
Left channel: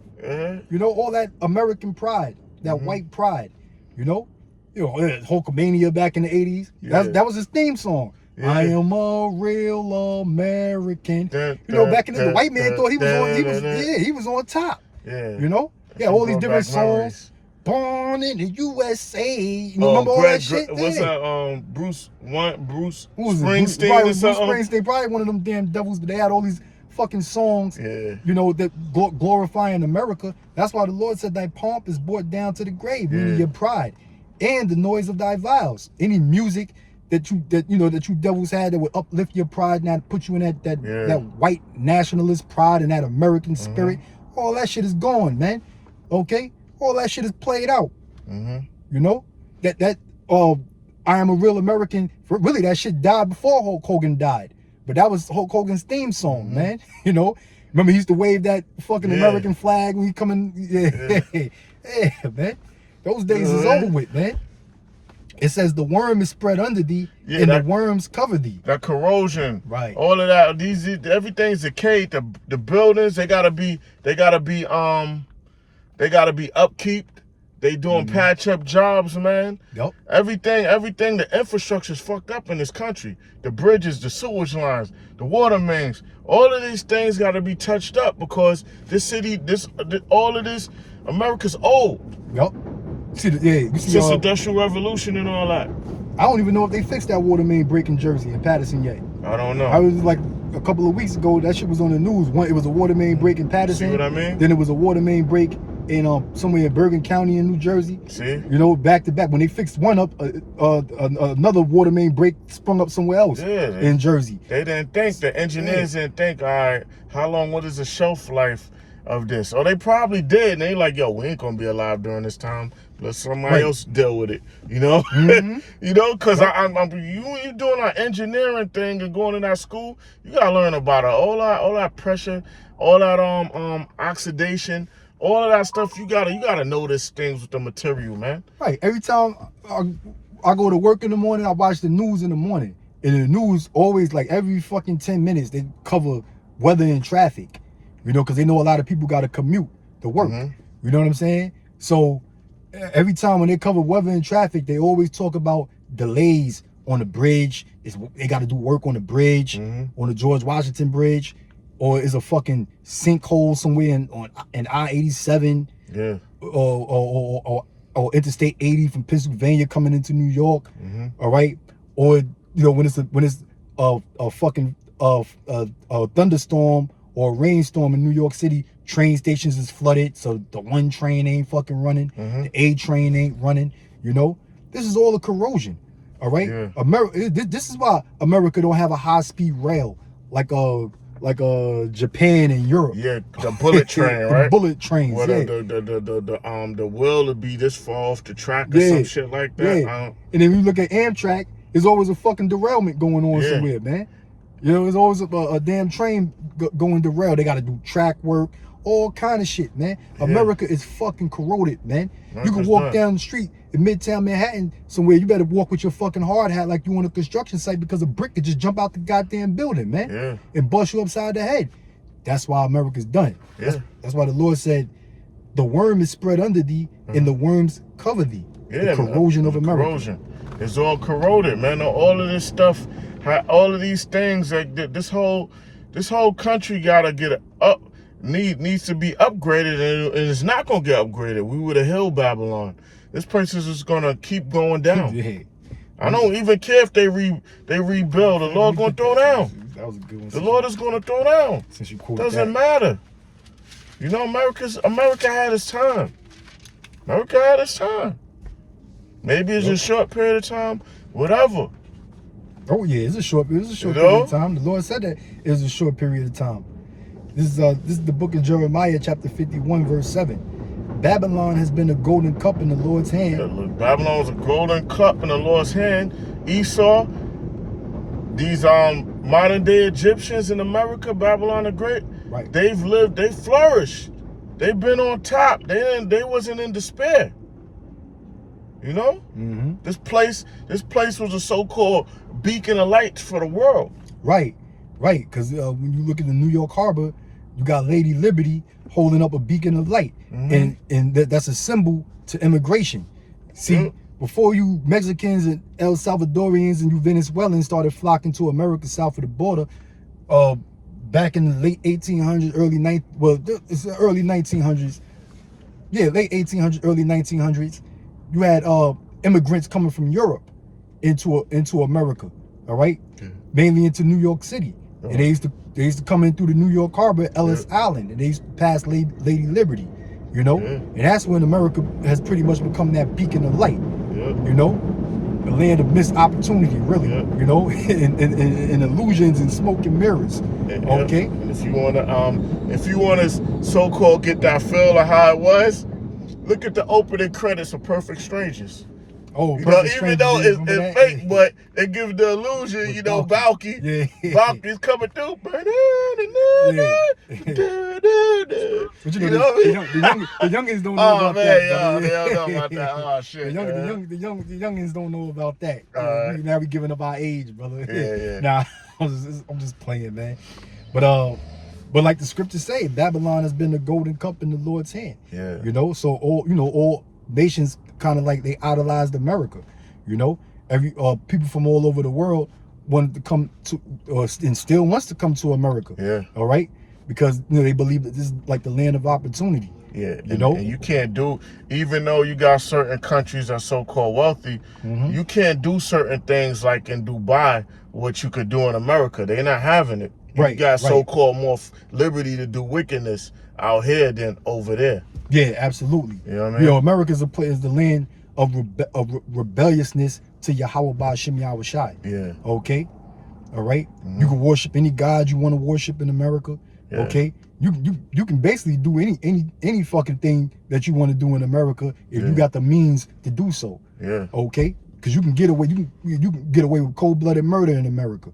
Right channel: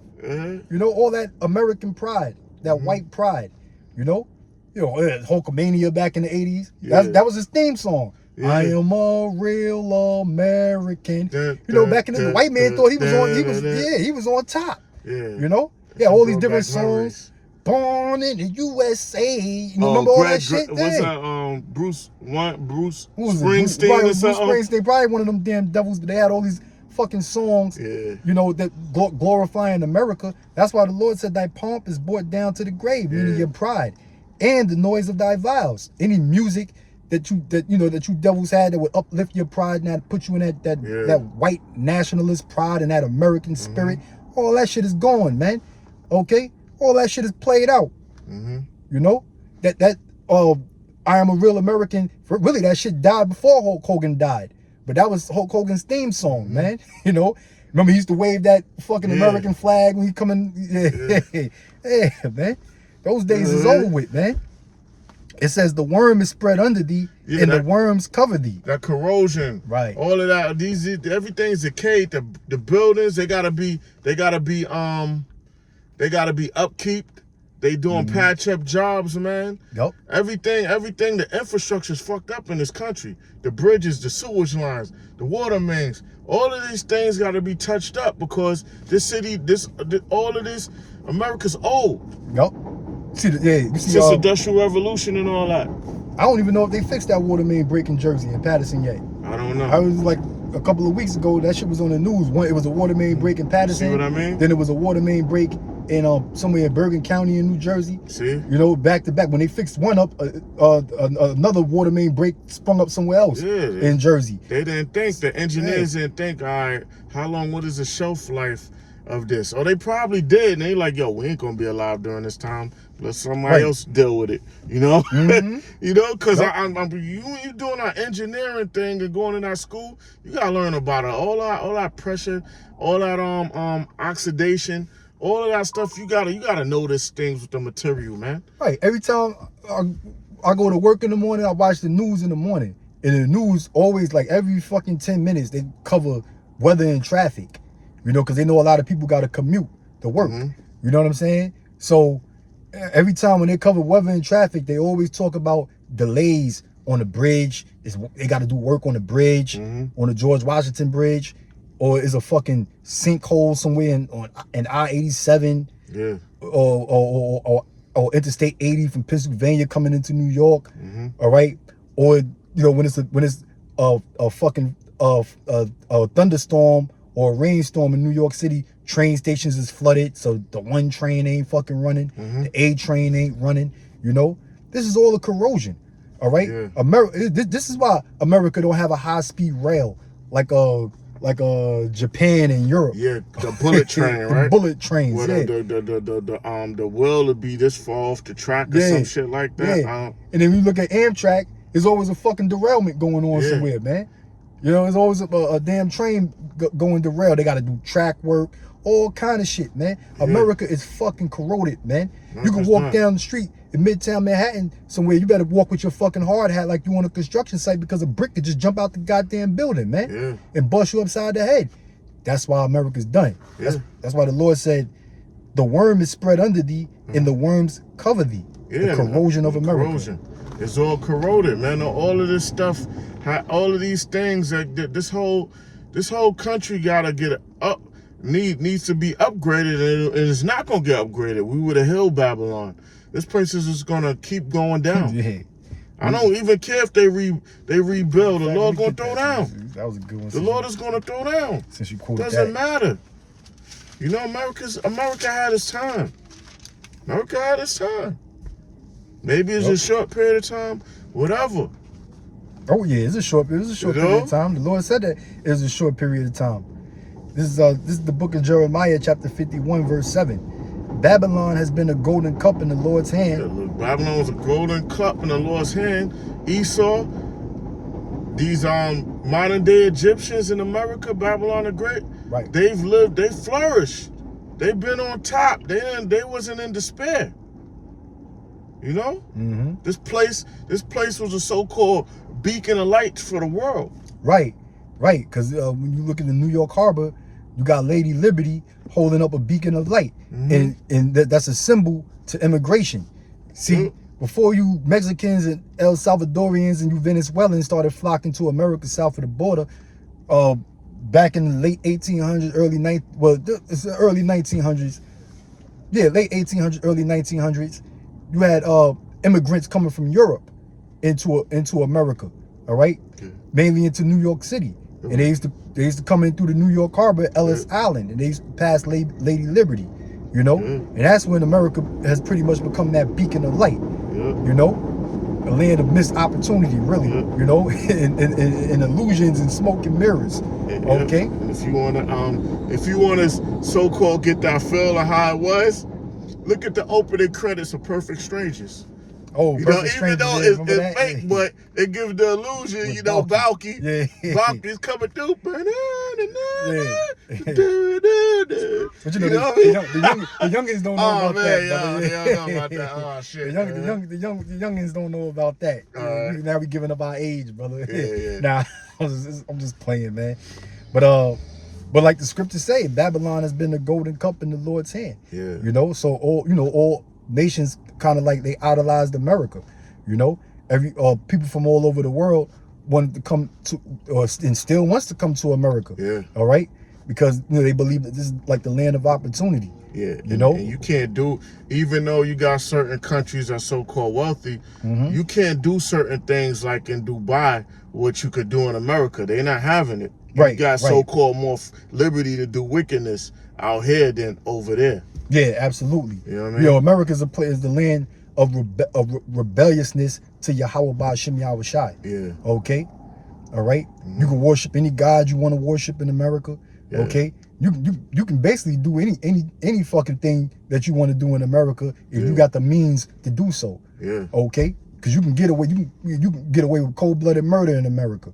You know, all that American pride, that white pride. You know, Hulkamania back in the 80s. That was his theme song. Yeah. I am a real American. Dun, You know, dun, back in the dun, white man dun, thought he was on. dun, He was on top. Yeah. You know, all these different songs. Born in the USA. You know, remember all that shit? What's that? Bruce Springsteen Springsteen or something? Bruce Springsteen, probably one of them damn devils, but they had all these fucking songs, Yeah. you know, that glorifying America. That's why the Lord said thy pomp is brought down to the grave, meaning your pride and the noise of thy vows. Any music that you devils had that would uplift your pride and that put you in that white nationalist pride and that American spirit, all that shit is gone, man. Okay? All that shit is played out. You know? I am a real American. Really, that shit died before Hulk Hogan died. But that was Hulk Hogan's theme song, man. You know? Remember he used to wave that fucking American flag when he come in? Yeah, man. Those days is over with, man. It says the worm is spread under thee, and the worms cover thee. That corrosion, right? All of that, everything's decayed. The buildings, they gotta be upkeep. They doing patch up jobs, man. Yep. Everything. The infrastructure's fucked up in this country. The bridges, the sewage lines, the water mains. All of these things gotta be touched up because this city, all of this, America's old. Yep. You see, since the Industrial Revolution and all that. I don't even know if they fixed that water main break in Jersey and Patterson yet. I don't know. I was like a couple of weeks ago. That shit was on the news. It was a water main break in Patterson. See what I mean? Then it was a water main break in somewhere in Bergen County in New Jersey. See? You know, back to back. When they fixed one up, another water main break sprung up somewhere else in Jersey. They didn't think, the engineers didn't think, all right, what is the shelf life of this? Or they probably did, and they like, yo, we ain't gonna be alive during this time. Let somebody else deal with it, you know? You know, because you doing our engineering thing and going to that school, you gotta learn about it. All that pressure, all that oxidation, all of that stuff. You gotta notice things with the material, man. Right. Every time I go to work in the morning, I watch the news in the morning, and the news always, like, every fucking 10 minutes they cover weather and traffic, you know, because they know a lot of people gotta commute to work. You know what I'm saying? So every time when they cover weather and traffic, they always talk about delays on the bridge. They got to do work on the bridge, on the George Washington Bridge, or is a fucking sinkhole somewhere in I-87, or Interstate 80 from Pennsylvania coming into New York. All right, or you know when it's a fucking thunderstorm or a rainstorm in New York City. Train stations is flooded, so the one train ain't fucking running. The A train ain't running. You know, this is all a corrosion. All right, This is why America don't have a high-speed rail like Japan and Europe. Yeah, the bullet train, right? Bullet trains. Well, the wheel would be this far off the track or some shit like that. And then you look at Amtrak, there's always a fucking derailment going on somewhere, man. You know, there's always a damn train going derailed. They got to do track work. All kind of shit, man. America is fucking corroded, man. You can walk down the street in Midtown Manhattan somewhere. You better walk with your fucking hard hat like you on a construction site because a brick could just jump out the goddamn building, man, and bust you upside the head. That's why America's done. That's why the Lord said, the worm is spread under thee and the worms cover thee. The corrosion of America. Corrosion. It's all corroded, man. All of this stuff, all of these things, this whole country gotta get up. Needs to be upgraded, and it's not gonna get upgraded. We would have held Babylon. This place is just gonna keep going down. I don't even care if they rebuild. The Lord gonna throw down. That was a good one. The Lord is gonna throw down. Since you quoted Doesn't matter. You know, America had its time. America had its time. Maybe it's a short period of time. Whatever. Oh yeah, it's a short period of time. The Lord said that it was a short period of time. This is the book of Jeremiah, chapter 51, verse 7. Babylon has been a golden cup in the Lord's hand. Babylon was a golden cup in the Lord's hand. Esau, these modern day Egyptians in America, Babylon the Great, they flourished. They've been on top. They wasn't in despair. You know, this place was a so-called beacon of light for the world. Right, because when you look at the New York Harbor, you got Lady Liberty holding up a beacon of light, and that's a symbol to immigration. See, before you Mexicans and El Salvadorians and you Venezuelans started flocking to America south of the border, back in the late 1800s, it's the early 1900s. Yeah, late 1800s, early 1900s. You had immigrants coming from Europe into America, all right? Mainly into New York City. And they used to come in through the New York Harbor, Ellis Island, and they used to pass Lady Liberty, you know? And that's when America has pretty much become that beacon of light, you know? A land of missed opportunity, really, you know? and illusions and smoke and mirrors, okay? If you wanna so-called get that feel of how it was, look at the opening credits of Perfect Strangers. Oh, you know, even though it's fake, but it gives the illusion, with Balky. Balky's coming through. But you know, the youngins don't know about that. They don't know about that. Oh shit. The youngins don't know about that. Now we giving up our age, brother. Nah, I'm just playing, man. But like the scriptures say, Babylon has been the golden cup in the Lord's hand. You know, so all nations kind of like they idolized America. You know, every people from all over the world wanted to come to, and still wants to come to America. All right, because they believe that this is like the land of opportunity. You know, and you can't do, even though you got certain countries that are so-called wealthy, you can't do certain things like in Dubai, what you could do in America. They're not having it. You got so-called more liberty to do wickedness out here than over there. Yeah, absolutely. You know what I mean? America is the land of rebelliousness to Yahweh Ba'Shem Yahweh Shai. Okay? All right? You can worship any god you want to worship in America. Okay? You can basically do any fucking thing that you want to do in America if you got the means to do so. Okay? Because you can get away with cold-blooded murder in America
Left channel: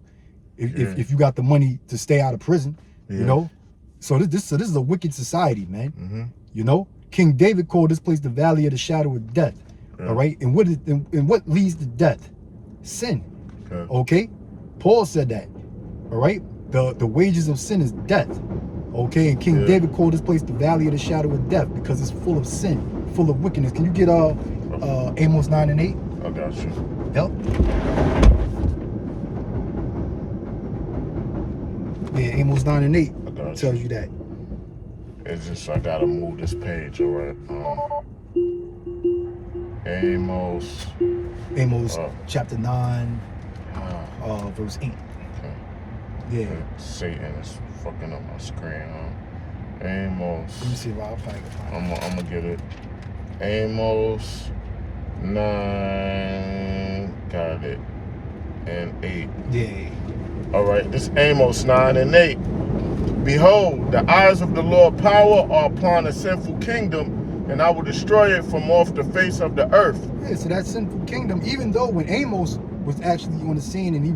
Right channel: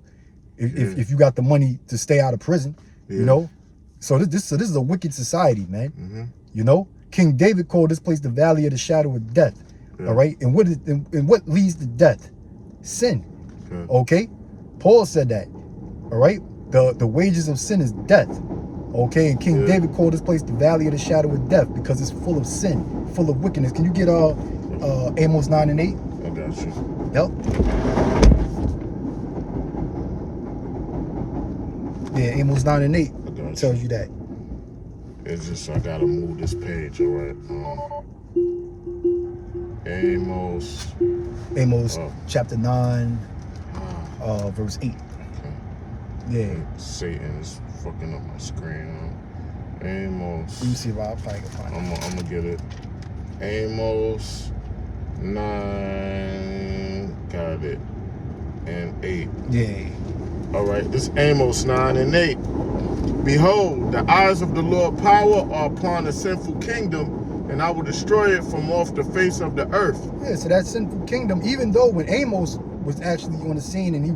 if you got the money to stay out of prison. You know? So this is a wicked society, man. You know, King David called this place the valley of the shadow of death. All right, and what leads to death? Sin. Okay, Paul said that. All right, the wages of sin is death. Okay, and King David called this place the valley of the shadow of death because it's full of sin, full of wickedness. Can you get Amos 9 and 8? I got you. Yep. Yeah, Amos 9 and 8 tells you that. It's just I gotta move this page, all right? Amos chapter 9, verse 8. Yeah. Satan is fucking up my screen. Amos. Let me see if I can find it. I'm gonna get it. Amos 9, got it, and 8. Yeah. All right, this Amos 9 and 8. Behold, the eyes of the Lord power are upon a sinful kingdom, and I will destroy it from off the face of the earth. Yeah, so that sinful kingdom, even though when Amos was actually on the scene and he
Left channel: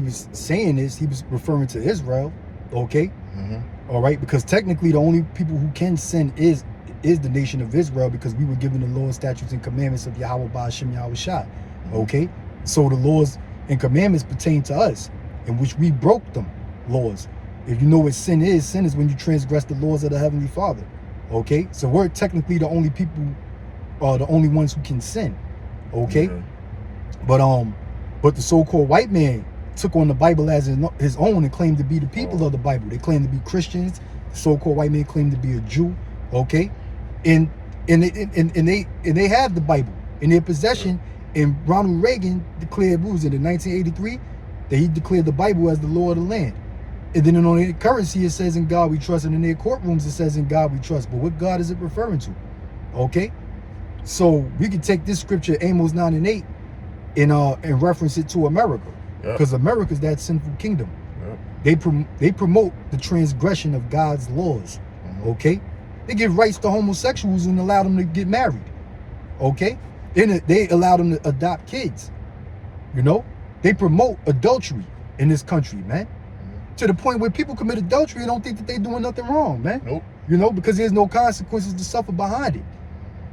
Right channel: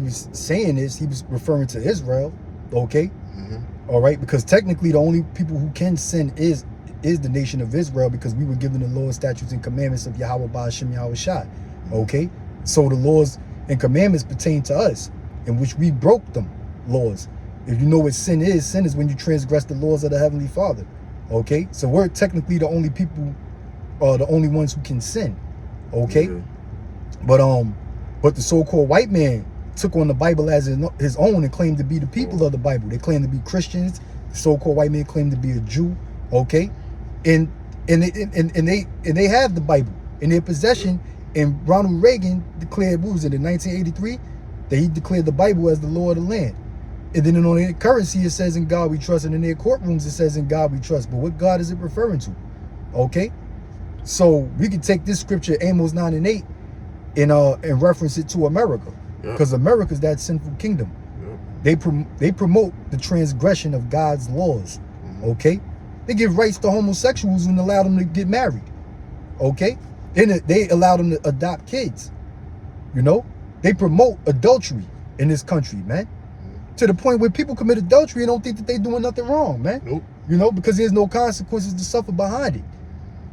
was saying this, he was referring to Israel, okay? All right, because technically the only people who can sin is the nation of Israel, because we were given the laws, statutes, and commandments of Yahweh Ba'Shem Yahweh Shai, okay? So the laws and commandments pertain to us, in which we broke them laws. If you know what sin is when you transgress the laws of the Heavenly Father, okay? So we're technically the only people, the only ones who can sin, okay? But the so-called white man took on the Bible as his own and claimed to be the people of the Bible. They claim to be Christians. The so-called white man claimed to be a Jew, okay? And they have the Bible in their possession. And Ronald Reagan declared, what was it, in 1983, that he declared the Bible as the law of the land. And then on their currency, it says in God we trust, and in their courtrooms, it says in God we trust. But what God is it referring to? Okay? So we can take this scripture, Amos 9 and 8, and reference it to America. Because America is that sinful kingdom. They promote the transgression of God's laws. Okay? They give rights to homosexuals and allow them to get married. Okay? They allow them to adopt kids. You know? They promote adultery in this country, man. To the point where people commit adultery and don't think that they're doing nothing wrong, man. You know, because there's no consequences to suffer behind it.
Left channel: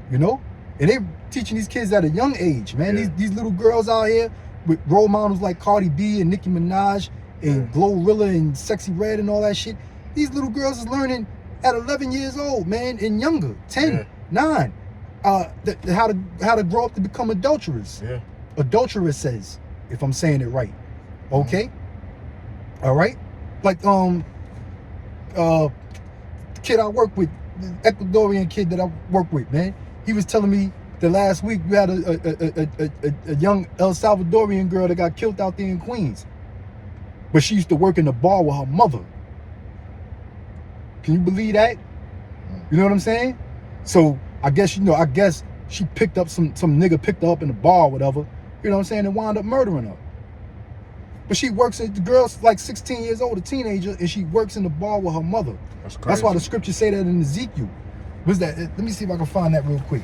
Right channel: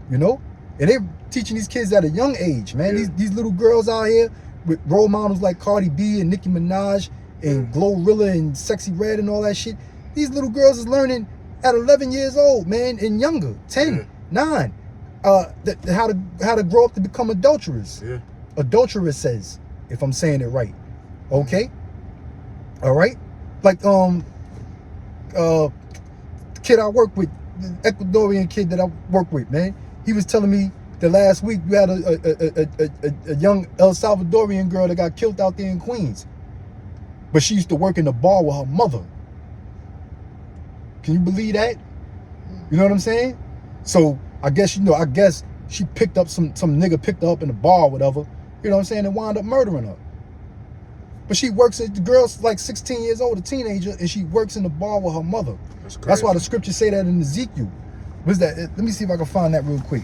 You know? And they're teaching these kids at a young age, man. Yeah. These little girls out here with role models like Cardi B and Nicki Minaj and Glorilla and Sexy Red and all that shit. These little girls is learning at 11 years old, man, and younger, 10, 9, how to grow up to become adulterers. Yeah. Adulteresses, if I'm saying it right. Okay? All right? Like, kid I work with, the Ecuadorian kid that I work with, man, he was telling me that last week we had a young El Salvadorian girl that got killed out there in Queens. But she used to work in the bar with her mother. Can you believe that? You know what I'm saying? So I guess, I guess she picked up some nigga picked her up in the bar or whatever, you know what I'm saying, and wound up murdering her. But she works the girl's like 16 years old, a teenager, and she works in the bar with her mother. That's crazy. That's why the scriptures say that in Ezekiel. What's that? Let me see if I can find that real quick.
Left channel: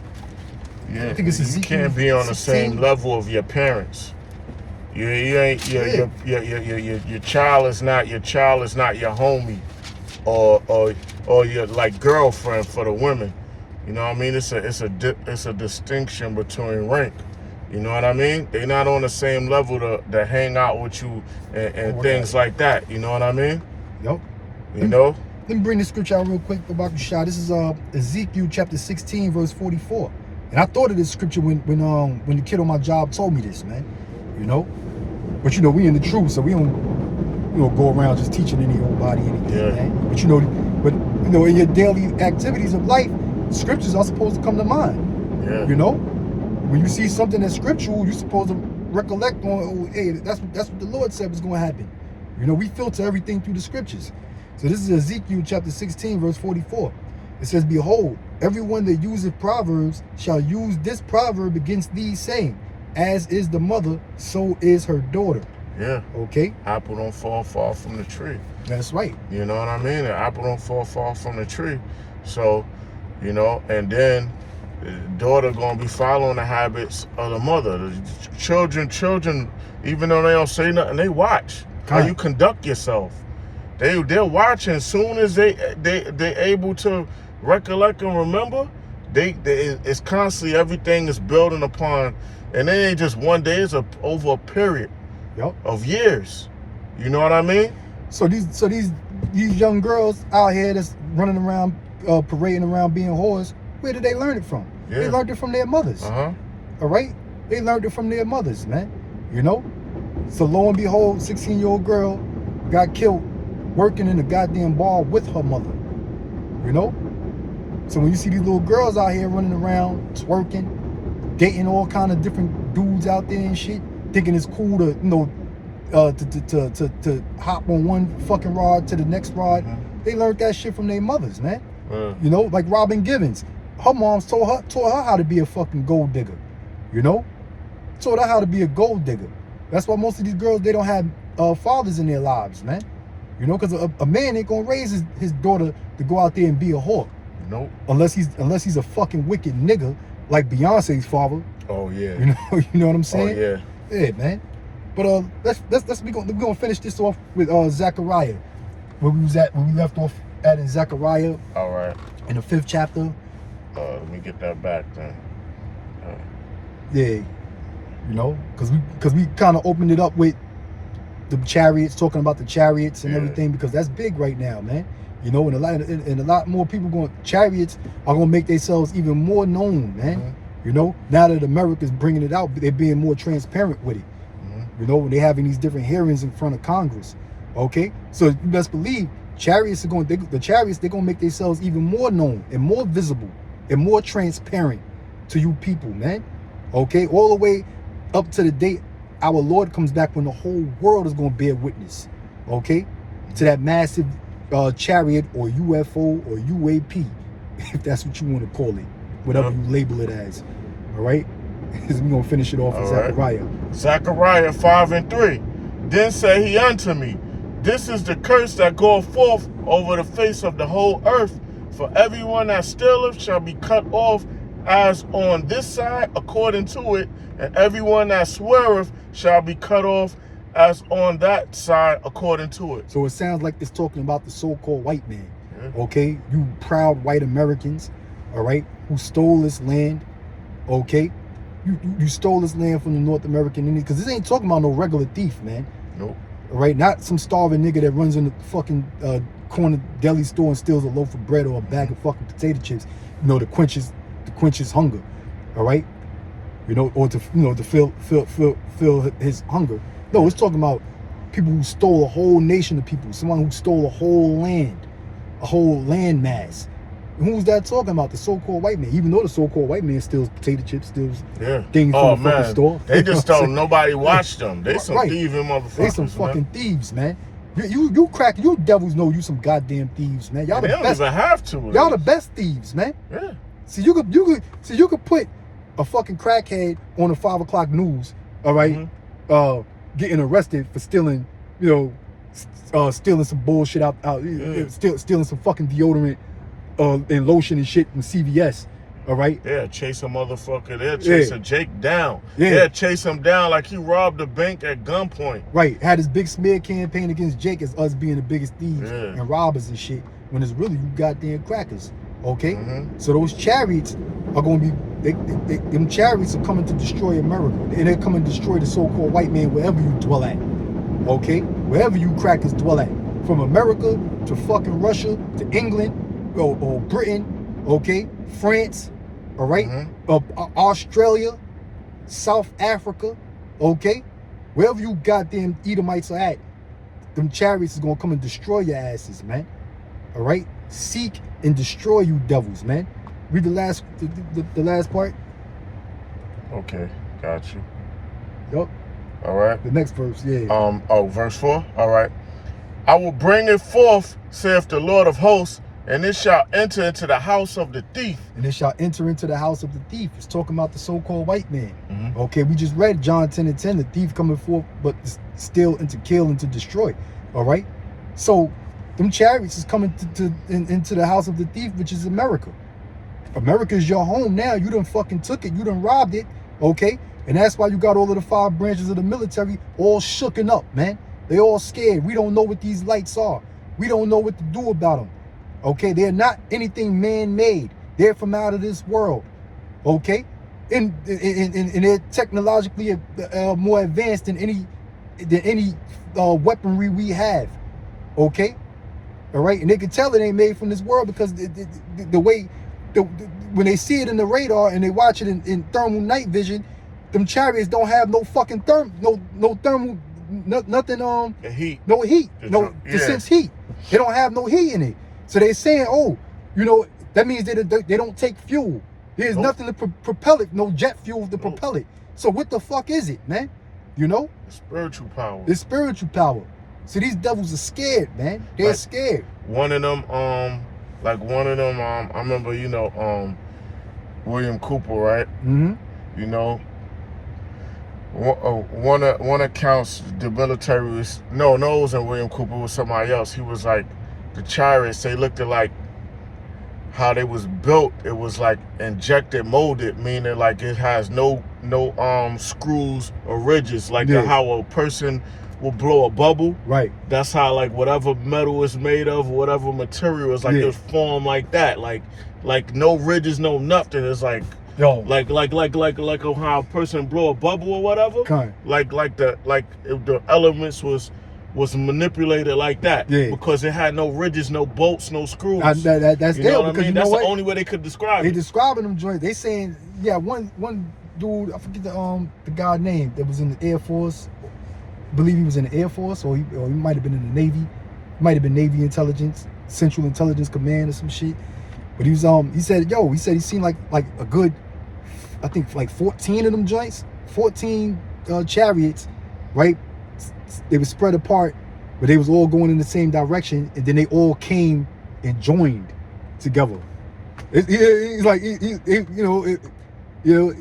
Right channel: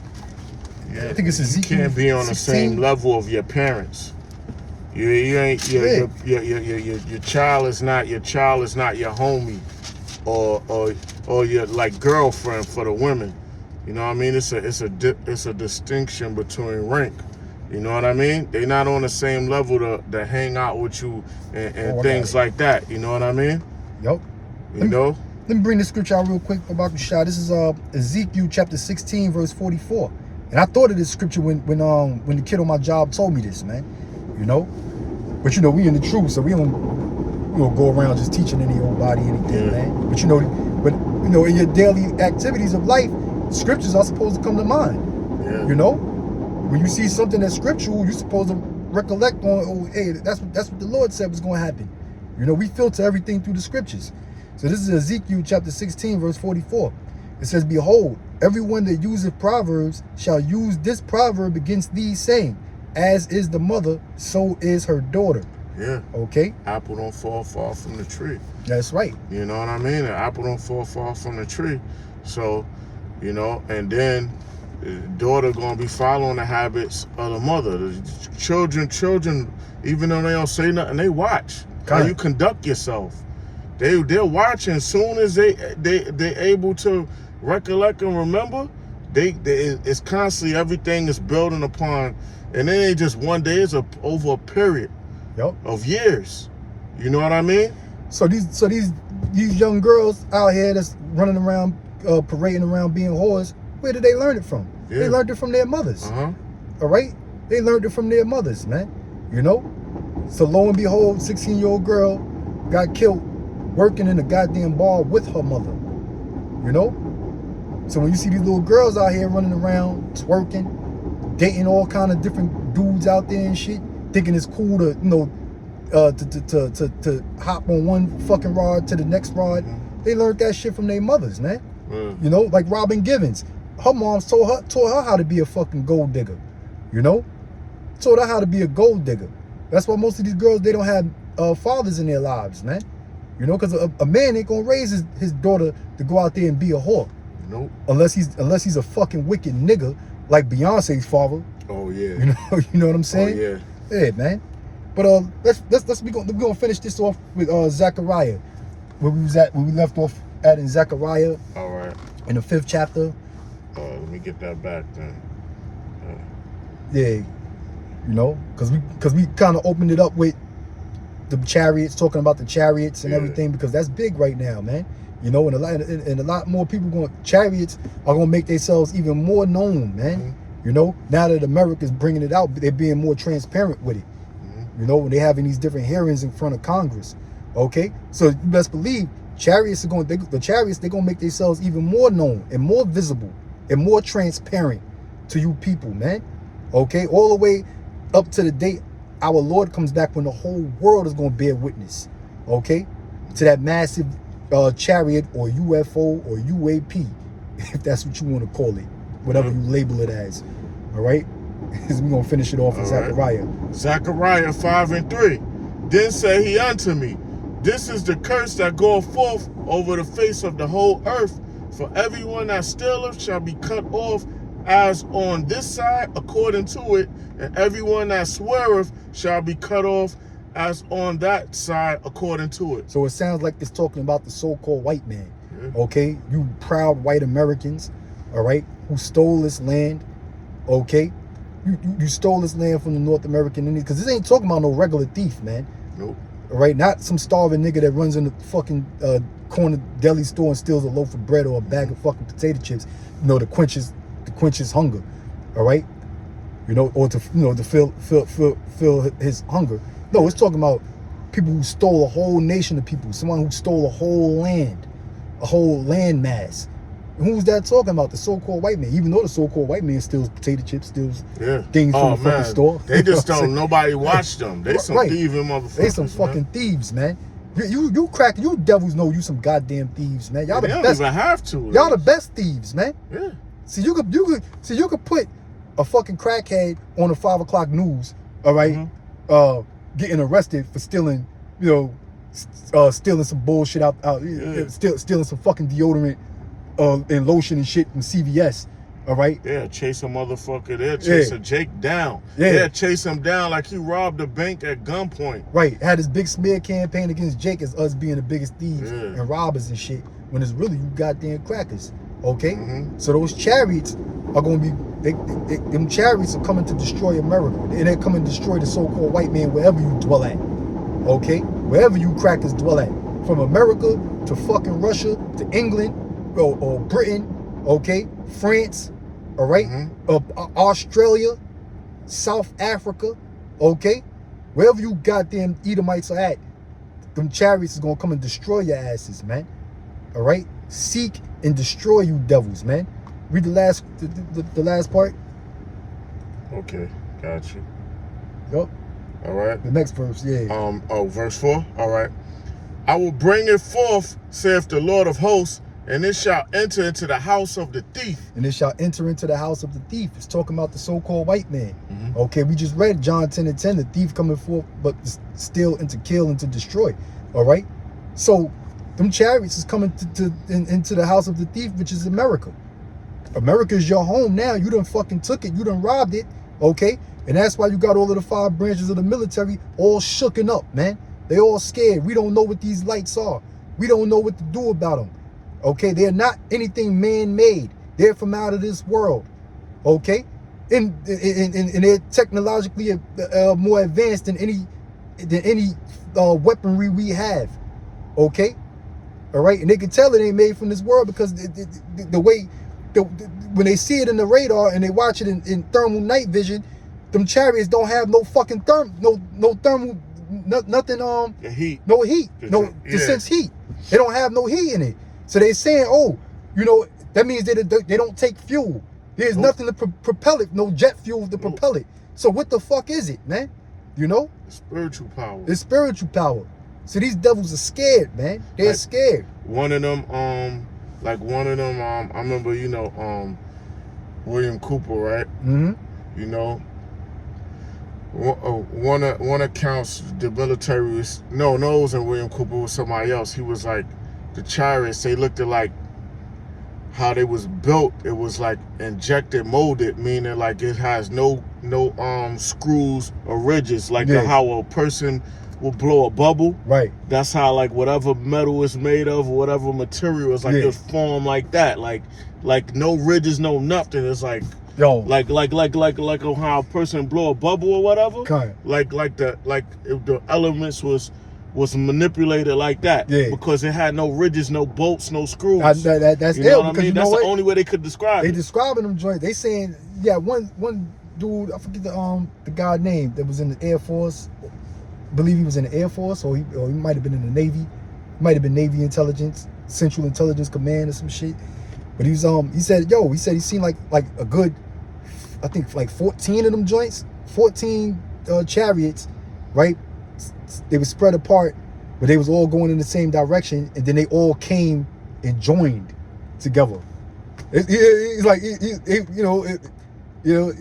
Yeah. I think it's Ezekiel. You can't be on 16. the same level of your parents. You ain't your child is not your your homie or your like girlfriend for the women. You know what I mean? It's a distinction between rank. You know what I mean? They're not on the same level to hang out with you and things like that. You know what I mean? Yep. You know? Let me bring the scripture out real quick about Shah. This is Ezekiel chapter 16, verse 44. And I thought of this scripture when the kid on my job told me this, man. You know? But we in the truth, so we don't go around just teaching anybody anything, man. But in your daily activities of life, scriptures are supposed to come to mind. Yeah. You know? When you see something that's scriptural, you're supposed to recollect on, hey, that's what the Lord said was going to happen. We filter everything through the scriptures. So this is Ezekiel chapter 16, verse 44. It says, behold, everyone that useth proverbs shall use this proverb against thee, saying, as is the mother, so is her daughter. Yeah. Okay? Apple don't fall far from the tree. That's right. You know what I mean? The apple don't fall far from the tree. So, and then the daughter gonna be following the habits of the mother. The children, even though they don't say nothing, they watch how you conduct yourself. They're watching. Soon as they're able to recollect and remember, it's constantly everything is building upon, and it ain't just one day. It's over a period of years. You know what I mean? So these young girls out here that's running around, parading around being whores. Where did they learn it from? Yeah. They learned it from their mothers. All right? They learned it from their mothers, man. So lo and behold, 16-year-old girl got killed working in a goddamn bar with her mother. So when you see these little girls out here running around, twerking, dating all kind of different dudes out there and shit, thinking it's cool to, to hop on one fucking rod to the next rod, they learned that shit from their mothers, man. Like Robin Givens. Her mom taught her how to be a fucking gold digger. Taught her how to be a gold digger. That's why most of these girls, they don't have fathers in their lives, man. Because a man ain't gonna raise his daughter to go out there and be a whore. Nope. Unless he's a fucking wicked nigga like Beyonce's father. Oh yeah. You know what I'm saying? Oh yeah. Yeah, man. But we're gonna finish this off with Zechariah, where we left off at in Zechariah. All right. In the 5th chapter. Let me get that back, man. Yeah, because we kind of opened it up with the chariots, talking about the chariots and everything, because that's big right now, man. And a lot more people chariots are gonna make themselves even more known, man. Now that America's bringing it out, they're being more transparent with it. When they're having these different hearings in front of Congress. Okay, so you best believe chariots they're gonna make themselves even more known and more visible and more transparent to you people, man. Okay, all the way up to the date our Lord comes back, when the whole world is gonna bear witness, okay, to that massive chariot or UFO or UAP, if that's what you want to call it, whatever you label it as. All right, we're gonna finish it off with Zechariah. Zechariah 5:3. Then said he unto me, this is the curse that goeth forth over the face of the whole earth. For everyone that stealeth shall be cut off as on this side according to it, and everyone that sweareth shall be cut off as on that side according to it. So it sounds like it's talking about the so-called white man. Okay, you proud white Americans, all right, who stole this land, okay? You stole this land from the North American Indians, because this ain't talking about no regular thief, man. Nope. All right, not some starving nigga that runs in the fucking corner deli store and steals a loaf of bread or a bag of fucking potato chips, you know, to quench his hunger. All right, you know, or to fill his hunger. No, it's talking about people who stole a whole nation of people, someone who stole a whole land mass. Who's that talking about? The so-called white man. Even though the so-called white man steals potato chips, steals things from the fucking store. They just don't. Nobody watch them. They some thieving motherfuckers. They some fucking thieves, man. You devils know you some goddamn thieves, man. Y'all they the don't best. even have to. Y'all the best thieves, man. Yeah. See, you could put a fucking crackhead on the 5 o'clock news, all right, getting arrested for stealing, you know, stealing some bullshit out, stealing some fucking deodorant and lotion and shit from CVS, all right? Yeah, chase a motherfucker. They'll chase a Jake down. Yeah. They'll chase him down like he robbed a bank at gunpoint. Right, had this big smear campaign against Jake as us being the biggest thieves and robbers and shit, when it's really you goddamn crackers, okay? So those chariots are going to be, them chariots are coming to destroy America, and they're coming to destroy the so-called white man wherever you dwell at, okay? Wherever you crackers dwell at, from America to fucking Russia to England, or Britain, okay, France, all right, Australia, South Africa, okay, wherever you goddamn Edomites are at, them chariots is gonna come and destroy your asses, man. All right, seek and destroy you devils, man. Read the last part. Okay, got you. Yup. All right. The next verse, yeah. Verse 4. All right. I will bring it forth, saith the Lord of hosts, and it shall enter into the house of the thief. And it shall enter into the house of the thief. It's talking about the so-called white man. Okay, we just read John 10:10, the thief coming forth, but steal and to kill and to destroy. All right? So, them chariots is coming into the house of the thief, which is America. America is your home now. You done fucking took it. You done robbed it. Okay? And that's why you got all of the 5 branches of the military all shooken up, man. They all scared. We don't know what these lights are. We don't know what to do about them. Okay, they're not anything man-made. They're from out of this world. Okay, and they're technologically more advanced than any weaponry we have. Okay, all right, and they can tell it ain't made from this world because the way when they see it in the radar and they watch it in thermal night vision, them chariots don't have no fucking nothing the heat. No heat. To sense heat. They don't have no heat in it. So they saying, oh, you know, that means they don't take fuel. There's nothing to propel it, no jet fuel to propel it. So what the fuck is it, man? You know? Spiritual power. It's spiritual power. So these devils are scared, man. They're scared. One of them, I remember, you know, William Cooper, right? You know, one accounts the military was, no, it wasn't William Cooper, it was somebody else. He was like, the chariots, they looked at like how they was built. It was like injected, molded, meaning like it has no screws or ridges, like how a person will blow a bubble. Right. That's how like whatever metal is made of, whatever material is like it's formed like that. Like no ridges, no nothing. It's like like how a person blow a bubble or whatever. Like the elements was manipulated like that because it had no ridges, no bolts, no screws. That's you know what I mean? That's the only way they could describe it. They describing them joints. They saying, one dude, I forget the guy name that was in the Air Force. I believe he was in the Air Force, or he might have been in the Navy. Might have been Navy Intelligence, Central Intelligence Command or some shit. But he was he said he seen like a good, I think like 14 of them joints, 14 chariots, right? They were spread apart, but they was all going in the same direction, and then they all came and joined together. He's like, he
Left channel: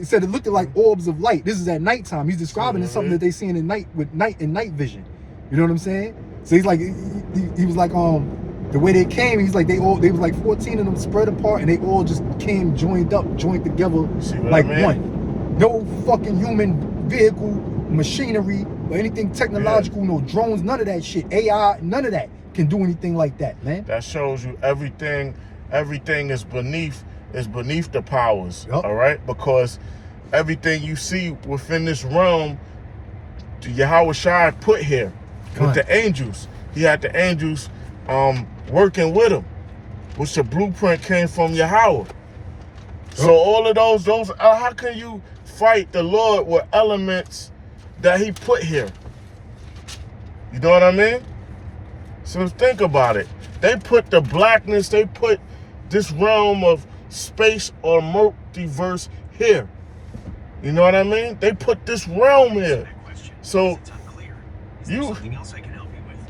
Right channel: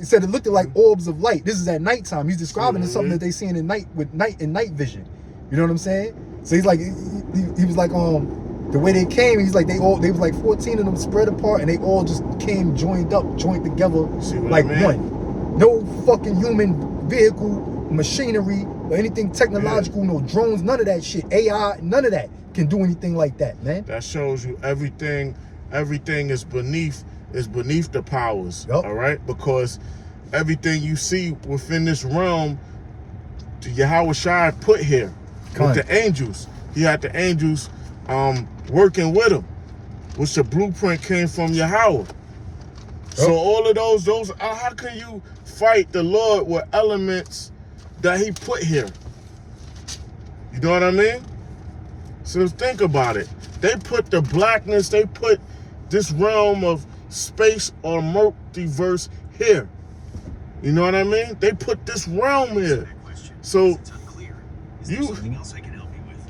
said it looked like orbs of light. This is at nighttime. He's describing it something that they seen in night with night vision. You know what I'm saying? So he's like, he was like, the way they came, he's like, they was like 14 of them spread apart, and they all just came joined together like one. No fucking human vehicle, machinery, or anything technological, no drones, none of that shit. AI, none of that can do anything like that, man. That shows you everything is beneath is beneath the powers. Yep. All right, because everything you see within this realm, Yahweh Shai put here with the angels. He had the angels working with him, which the blueprint came from Yahweh. So all of those, how can you fight the Lord with elements that he put here? You know what I mean? So think about it. They put the blackness, they put this realm of space or multiverse here. You know what I mean? They put this realm here. So you, something else I can help you with?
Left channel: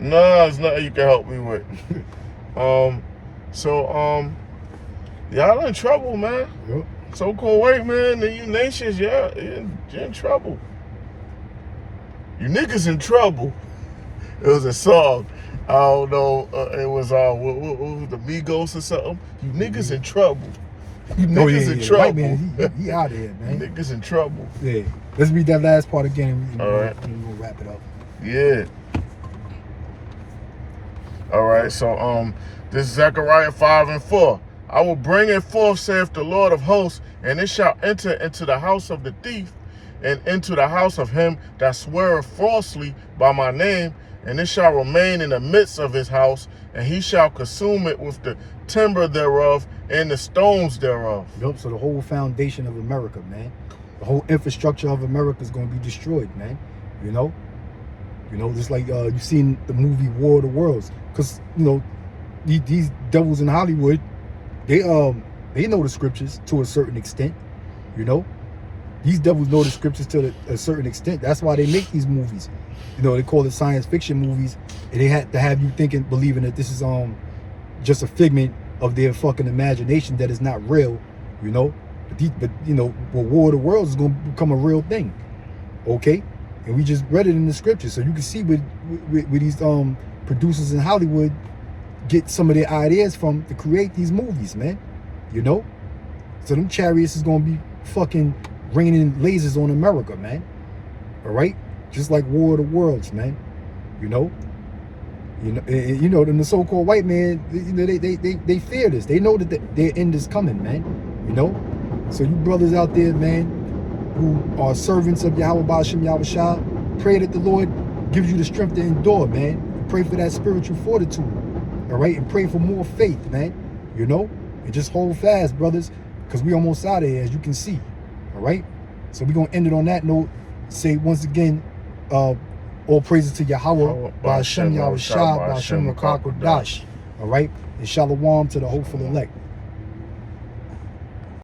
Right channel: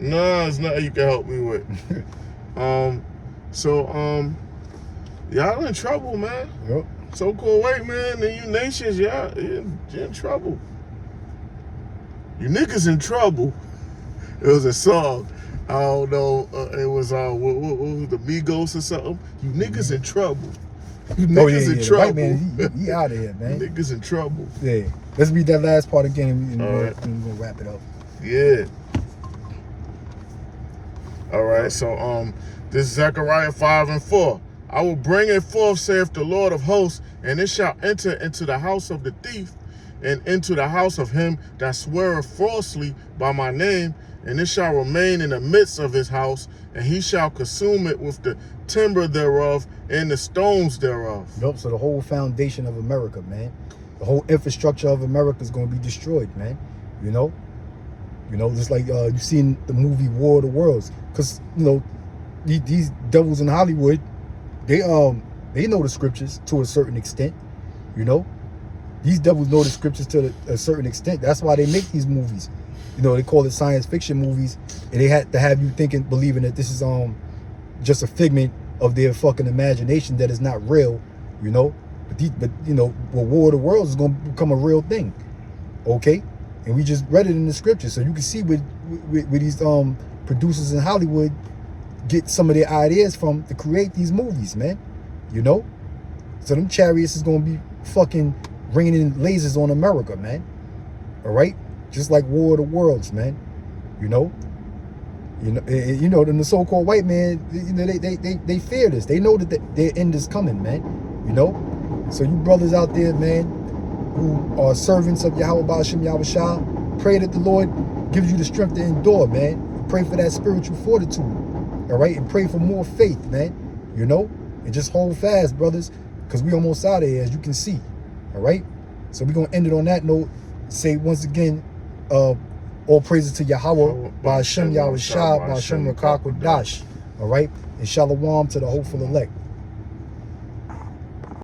No, there's nothing you can help me with. Y'all in trouble, man. Yep. So-called white man and you nations, y'all, you're in trouble. You niggas in trouble. It was a song. I don't know. It was what, the Migos or something. You niggas in trouble. You niggas in trouble. White man, he out of here, man. You niggas in trouble. Yeah. Let's read that last part again and All right. we're gonna wrap it up. Yeah. All right. So this is Zechariah 5:4. I will bring it forth, saith the Lord of hosts, and it shall enter into the house of the thief, and into the house of him that sweareth falsely by my name, and it shall remain in the midst of his house, and he shall consume it with the timber thereof and the stones thereof. Nope. So the whole foundation of America, man, the whole infrastructure of America is going to be destroyed, man. You know, just like you've seen the movie War of the Worlds, because these devils in Hollywood, they know the scriptures to a certain extent. You know, these devils know the scriptures to a certain extent. That's why they make these movies. They call it science fiction movies, and they had to have you believing that this is just a figment of their fucking imagination, that is not real. But War of the Worlds is gonna become a real thing. Okay, and we just read it in the scripture, so you can see where these producers in Hollywood get some of their ideas from to create these movies, man. So them chariots is gonna be fucking raining lasers on America, man. All right, just like War of the Worlds, man. And the so-called white man, they fear this. They know that their end is coming, man. So you brothers out there, man, who are servants of Yahweh Ba'ashem Yahweh Shah, pray that the Lord gives you the strength to endure, man. Pray for that spiritual fortitude, all right? And pray for more faith, man, and just hold fast, brothers, because we almost out of here, as you can see, all right? So we're going to end it on that note. Say once again, all praises to Yahweh, Ba'ashem Yahweh Shah, Ba'ashem Rakak Dash, all right? And shalom to the hopeful elect.